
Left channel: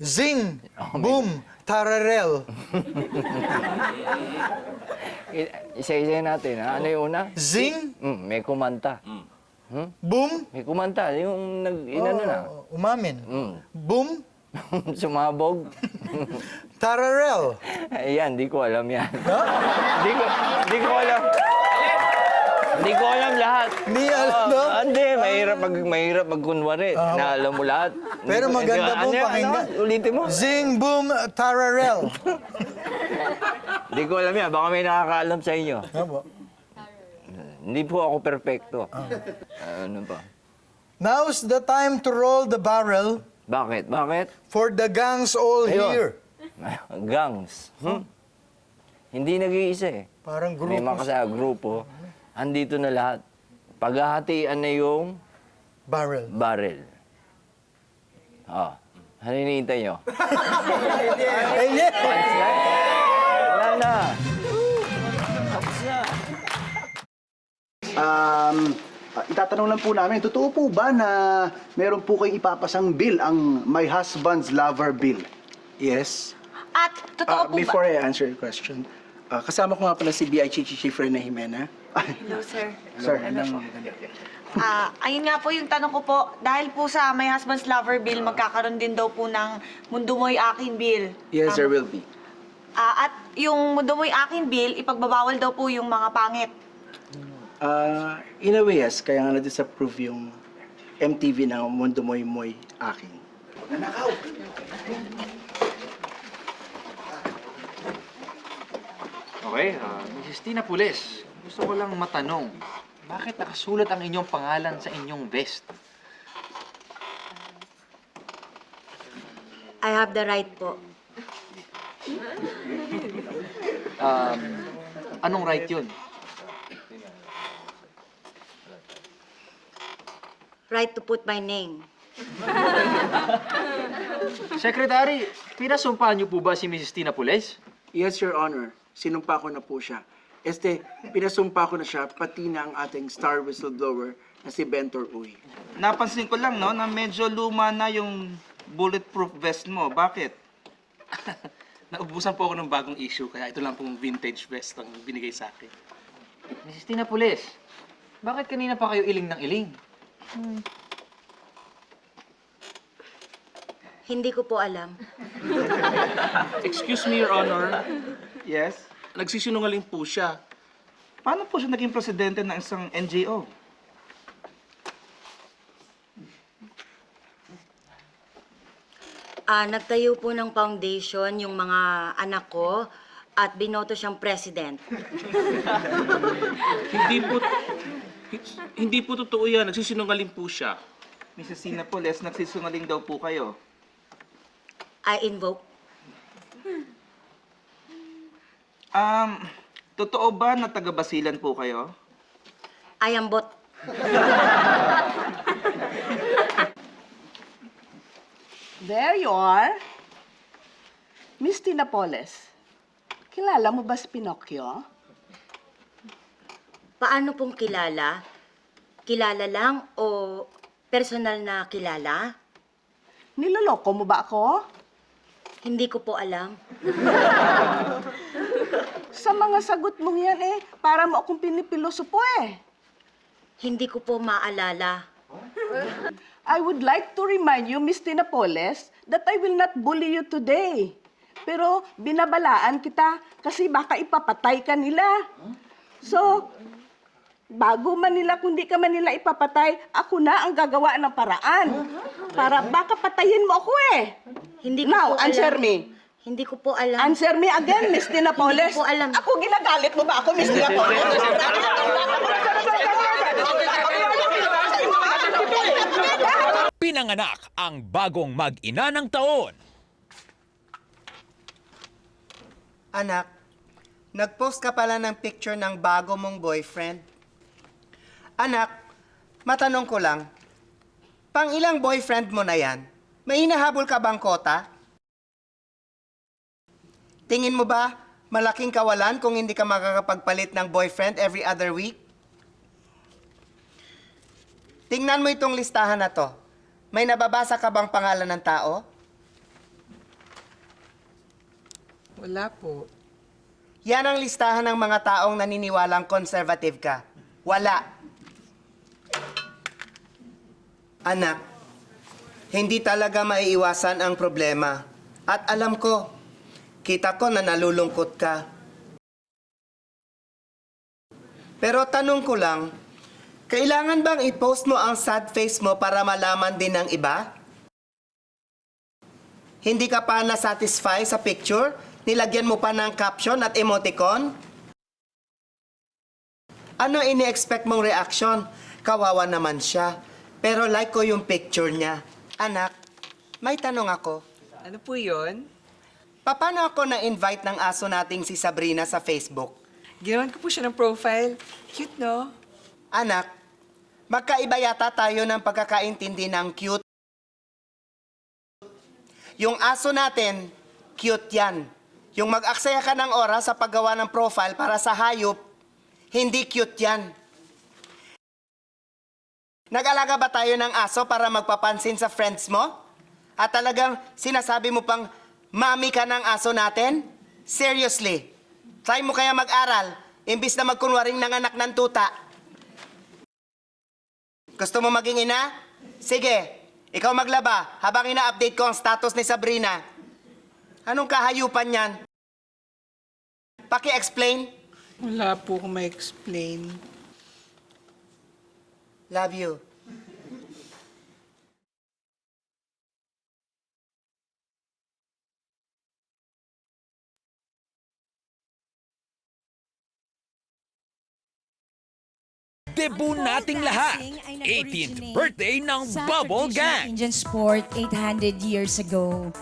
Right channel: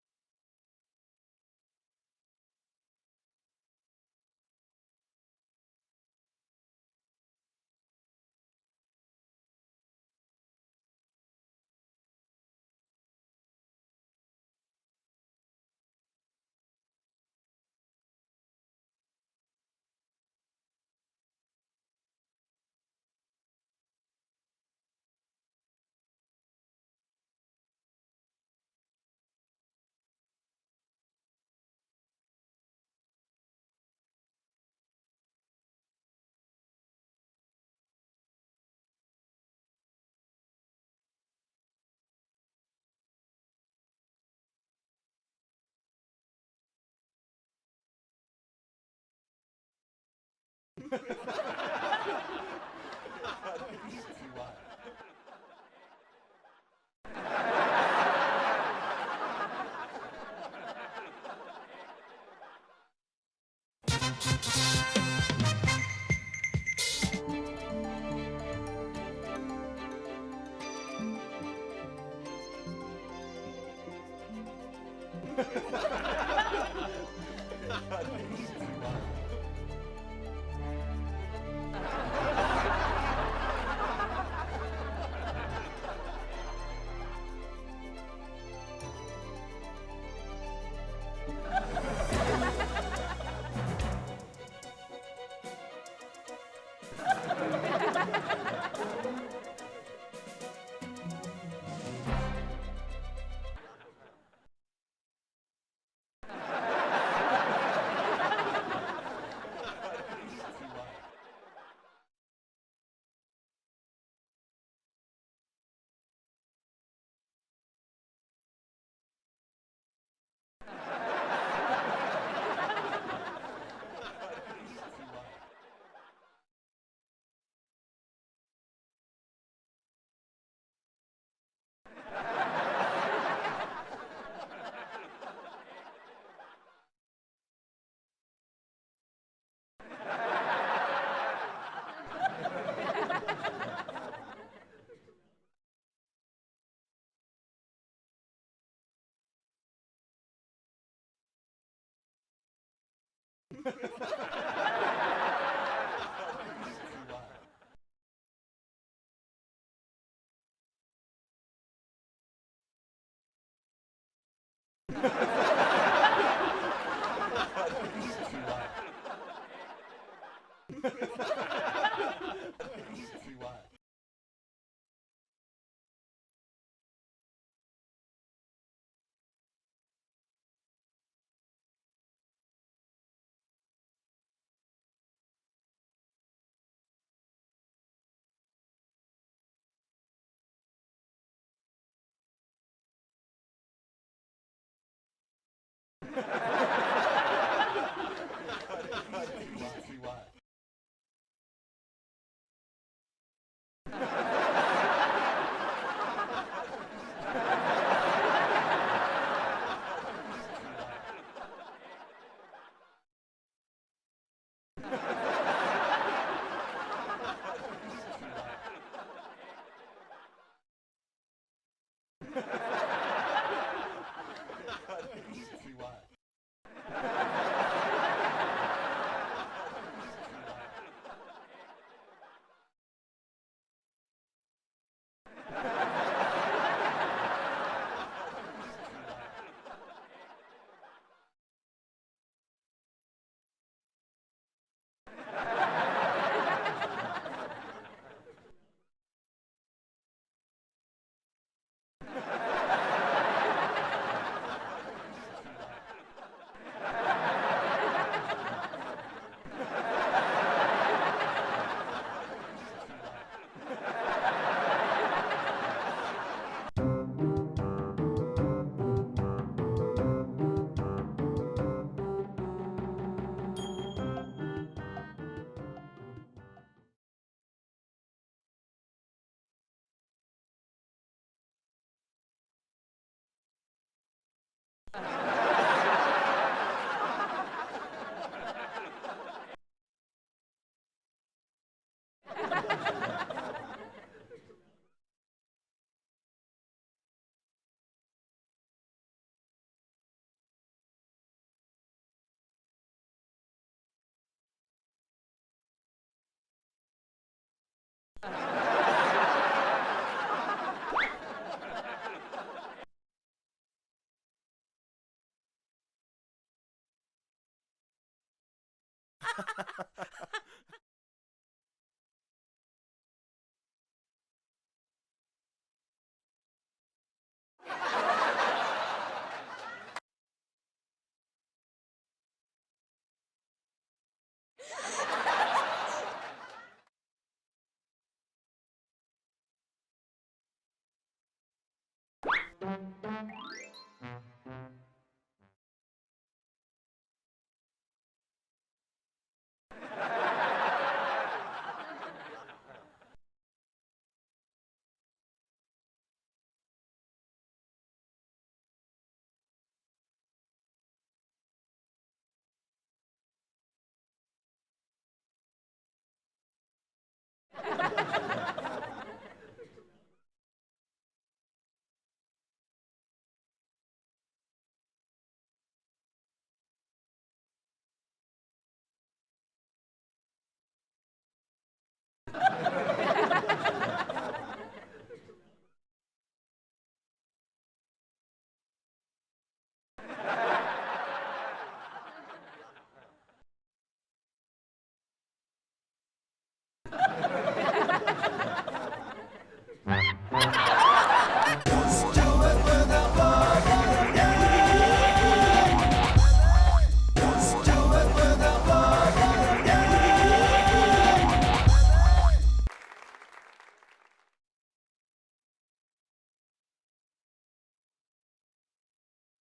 Zing! Boom! Tararel! Isa-isa natin, ha? Ano yung una? Zing! May kumanta. Boom! May kumanta. Yung inano na. Umamin. Boom! Sumabog. Tararel! Ayan, di ko alam yan. Di ko alam. Hindi ko alam lahat. Hindi alam, no? Hindi, mahirap magkunwari. Na alam mo lahat. Pero maganda po pakinggan. Ulitin mo. Zing, boom, tararel. Hindi ko alam yan. Baka may nakakaalam sa inyo. Ano? Hindi po ako perpekto. Ano pa? Now's the time to roll the barrel. Bakit? Bakit? For the gangs all Ayun. here. Gangs. Hindi nag-iisa eh. Parang grupo. May mga grupo. Andito na lahat. Paghahatian na yung barrel. Oh. Ano hinihintay nyo? Wala na. Itatanong lang po namin, totoo po ba na meron po kayong ipapasang bill ang My Husband's Lover Bill? Yes. At totoo po Before ba? I answer your question, kasama ko nga pala si B.I. Chief Reyna Jimena. Sir. Ayun nga po yung tanong ko po. Dahil po sa My Husband's Lover Bill, magkakaroon din daw po ng Mundo Mo'y Akin Bill. Yes, there will be. At yung Mundo Mo'y Akin Bill, ipagbabawal daw po yung mga pangit. In a way, yes. Kaya nga na-disapprove yung MTV na Mundo Mo'y Akin. Nanakaw! Okay, Mrs. Tina Pules, gusto ko lang matanong, bakit nakasulat ang inyong pangalan sa inyong vest? I have the right po. Anong right yun? Right to put my name. Secretary, pinasumpahan niyo po ba si Mrs. Tina Pules? Yes, Your Honor. sinumpa ko na po siya. Pinasumpa ko na siya, pati na ang ating star whistleblower na si Bentor Uy. Napansin ko lang, no, na medyo luma na yung bulletproof vest mo. Bakit? Naubusan po ako ng bagong issue, kaya ito lang pong vintage vest na binigay sa akin. Mrs. Tina Pulis, bakit kanina pa kayo iling ng iling? Hindi ko po alam. Excuse me, Your Honor. Yes? Nagsisinungaling po siya. Paano po siya naging presidente ng isang NGO? Nagtayo po ng foundation yung mga anak ko at binoto siyang president. Hindi po totoo yan. Nagsisinungaling po siya. Mrs. Tina Pulis, nagsisinungaling daw po kayo. I invoke. Totoo ba na taga-Basilan po kayo? I am bot. There you are. Miss Tina Poles, kilala mo ba si Pinocchio? Paano pong kilala? Kilala lang o personal na kilala? Niloloko mo ba ako? Hindi ko po alam. Sa mga sagot mong yan para mo akong pinipilosopo Hindi ko po maalala. I would like to remind you, Miss Tina Poles, that I will not bully you today. Pero binabalaan kita kasi baka ipapatay ka nila. So, bago man nila, kundi ka man nila ipapatay, ako na ang gagawa ng paraan. Para baka patayin mo ako Hindi ko Now, po alam. answer me. Hindi ko po alam. Answer me again, Miss Tina Poles. Hindi ko po alam. Ako ginagalit mo ba ako, Miss Tina Poles? Pinanganak ang bagong mag-ina ng taon. Anak, nag-post ka pala ng picture ng bago mong boyfriend. Anak, matanong ko lang, pang ilang boyfriend mo na yan? May hinahabol ka bang kota? Tingin mo ba, malaking kawalan kung hindi ka makakapagpalit ng boyfriend every other week? Tingnan mo itong listahan na to. May nababasa ka bang pangalan ng tao? Wala po. Yan ang listahan ng mga taong naniniwalang conservative ka. Wala. Anak, hindi talaga maiiwasan ang problema. At alam ko, kita ko na nalulungkot ka. Pero tanong ko lang, kailangan bang i-post mo ang sad face mo para malaman din ng iba? Hindi ka pa na-satisfy sa picture? Nilagyan mo pa ng caption at emoticon? Ano ini-expect mong reaction? Kawawa naman siya. Pero like ko yung picture niya. Anak, may tanong ako. Ano po yun? Paano ako na-invite ng aso nating si Sabrina sa Facebook? Ginawan ko po siya ng profile. Cute, no? Anak, magkaiba yata tayo ng pagkakaintindi ng cute. Yung aso natin, cute yan. Yung mag-aksaya ka ng oras sa paggawa ng profile para sa hayop, hindi cute yan. Nag-alaga ba tayo ng aso para magpapansin sa friends mo? At talagang sinasabi mo pang, mami ka ng aso natin? Seriously, try mo kaya mag-aral, imbis na magkunwaring nanganak ng tuta. Gusto mo maging ina? Sige, ikaw maglaba habang ina-update ko ang status ni Sabrina. Anong kahayupan yan? Paki-explain? Wala po akong ma-explain. Love you. Debut nating lahat. 18th birthday ng Bubble Gang. Indian sport 800 years ago.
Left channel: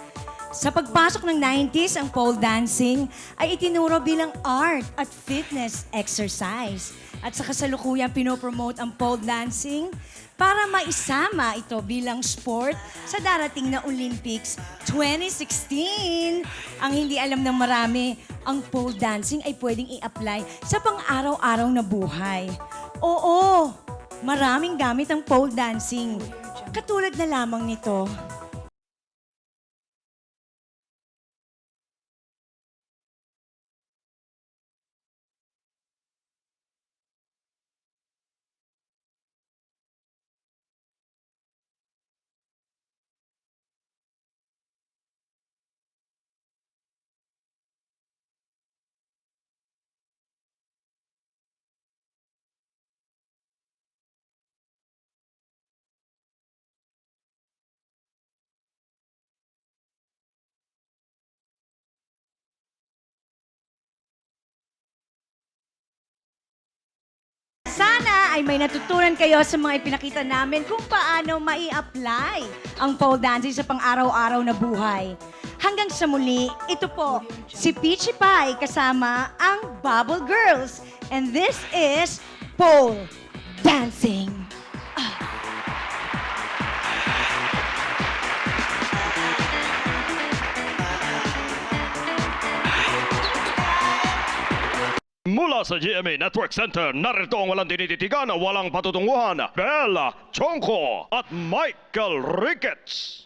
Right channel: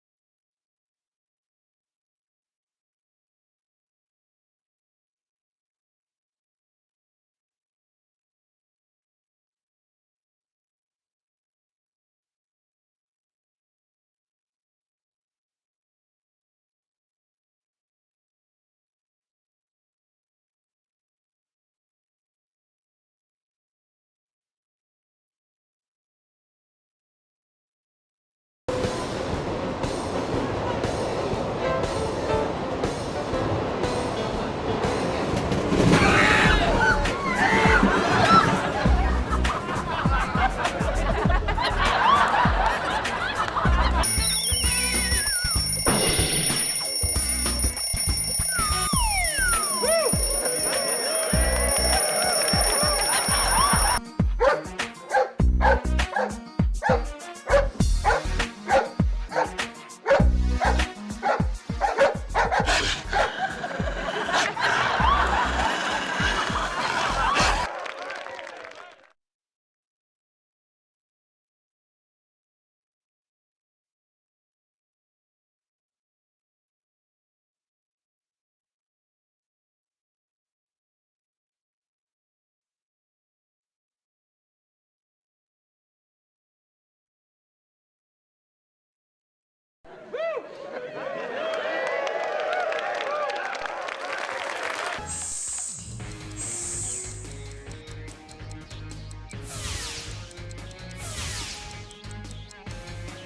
Sa pagpasok ng 90s, ang pole dancing ay itinuro bilang art at fitness exercise. At sa kasalukuyang pinopromote ang pole dancing para maisama ito bilang sport sa darating na Olympics 2016. Ang hindi alam ng marami, ang pole dancing ay pwedeng i-apply sa pang-araw-araw na buhay. Oo, maraming gamit ang pole dancing. Katulad na lamang nito. Sana ay may natutunan kayo sa mga ipinakita namin kung paano mai-apply ang pole dancing sa pang-araw-araw na buhay. Hanggang sa muli, ito po si Peachy Pie kasama ang Bubble Girls. And this is pole dancing. Mula sa GMA Network Center, narito ang walang tinititigan, walang patutunguhan, Bella Chongko at Michael Ricketts.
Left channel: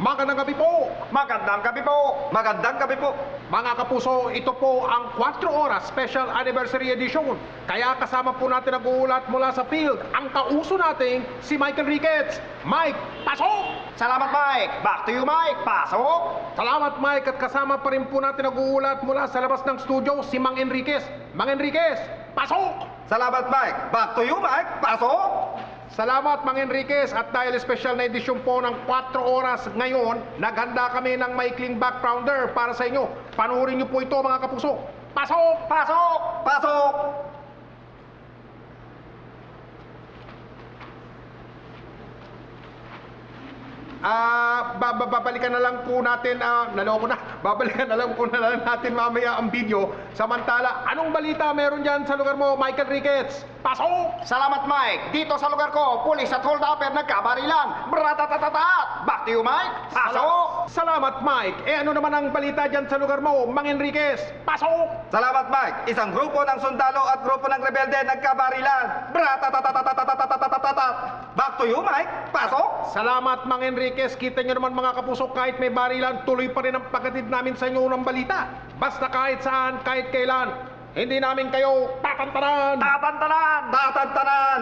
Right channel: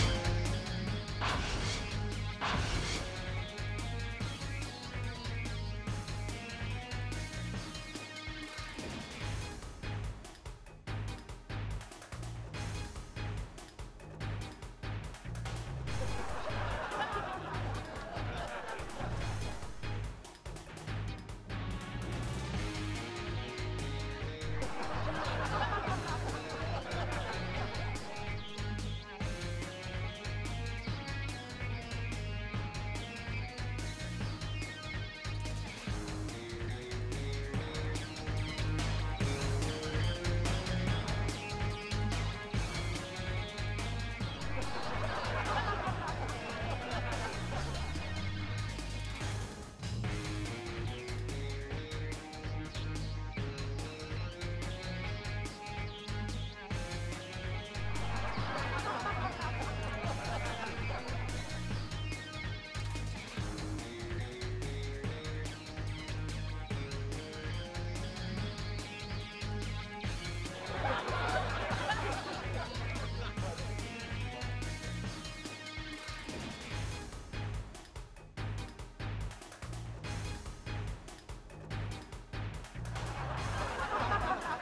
Magandang gabi po! Magandang gabi po! Magandang gabi po! Mga kapuso, ito po ang 4 oras Special Anniversary Edition. Kaya kasama po natin ang uulat mula sa field, ang kauso nating si Michael Ricketts. Mike, pasok! Salamat, Mike! Back to you, Mike! Pasok! Salamat, Mike! At kasama pa rin po natin ang uulat mula sa labas ng studio, si Mang Enriquez. Mang Enriquez, pasok! Salamat, Mike! Back to you, Mike! Pasok! Salamat, Mang Enriquez. At dahil special na edisyon po ng 4 oras ngayon, naghanda kami ng maikling backgrounder para sa inyo. Panuorin niyo po ito, mga kapuso. Pasok! Pasok! Pasok! Babalikan na lang po natin, naloko na. Babalikan na lang po natin mamaya ang video. Samantala, anong balita meron dyan sa lugar mo, Michael Ricketts? Pasok! Salamat, Mike. Dito sa lugar ko, pulis at hold-upper nagkabarilan. Bratatatata! Back to you, Mike. Pasok! Salamat, Mike. Ano naman ang balita dyan sa lugar mo, Mang Enriquez? Pasok! Salamat, Mike. Isang grupo ng sundalo at grupo ng rebelde nagkabarilan. Bratatatatatatatatatatatat! Back to you, Mike. Pasok! Salamat, Mang Enriquez. Kita nyo naman, mga kapuso, kahit may barilan, tuloy pa rin ang pagkatid namin sa inyo ng balita. Basta kahit saan, kahit kailan, hindi namin kayo tatantanan! Tatantanan! Tatantanan!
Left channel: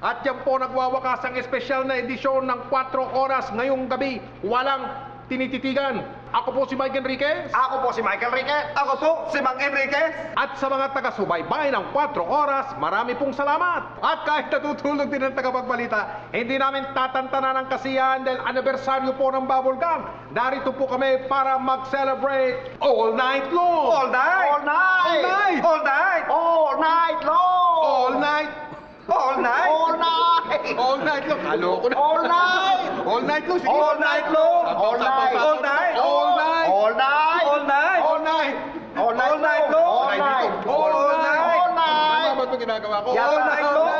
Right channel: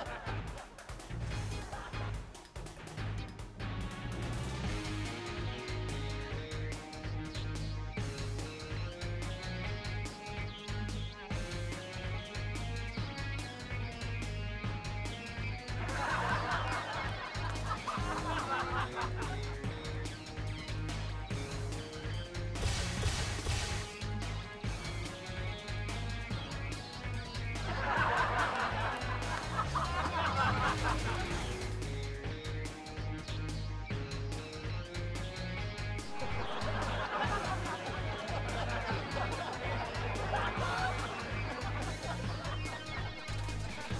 At yan po nagwawakas ang espesyal na edisyon ng 4 oras ngayong gabi. Walang tinititigan. Ako po si Mike Enriquez. Ako po si Michael Ricketts. Ako po si Mang Enriquez. At sa mga taga-subaybay ng 4 oras, marami pong salamat. At kahit natutulog din ang tagapagbalita, hindi namin tatantanan ang kasiyahan dahil anibersaryo po ng Bubble Gang. Narito po kami para mag-celebrate all night long. All night! All night! All night! All night! All night long! All night! All night! All night! All night long! Aloko na! All night! All night long! Sige! All night long! All night! All night! All night! All night! All night! All night! All night! All night long! All night! All night! All night! Tama ba ito ginagawa ko? All night long!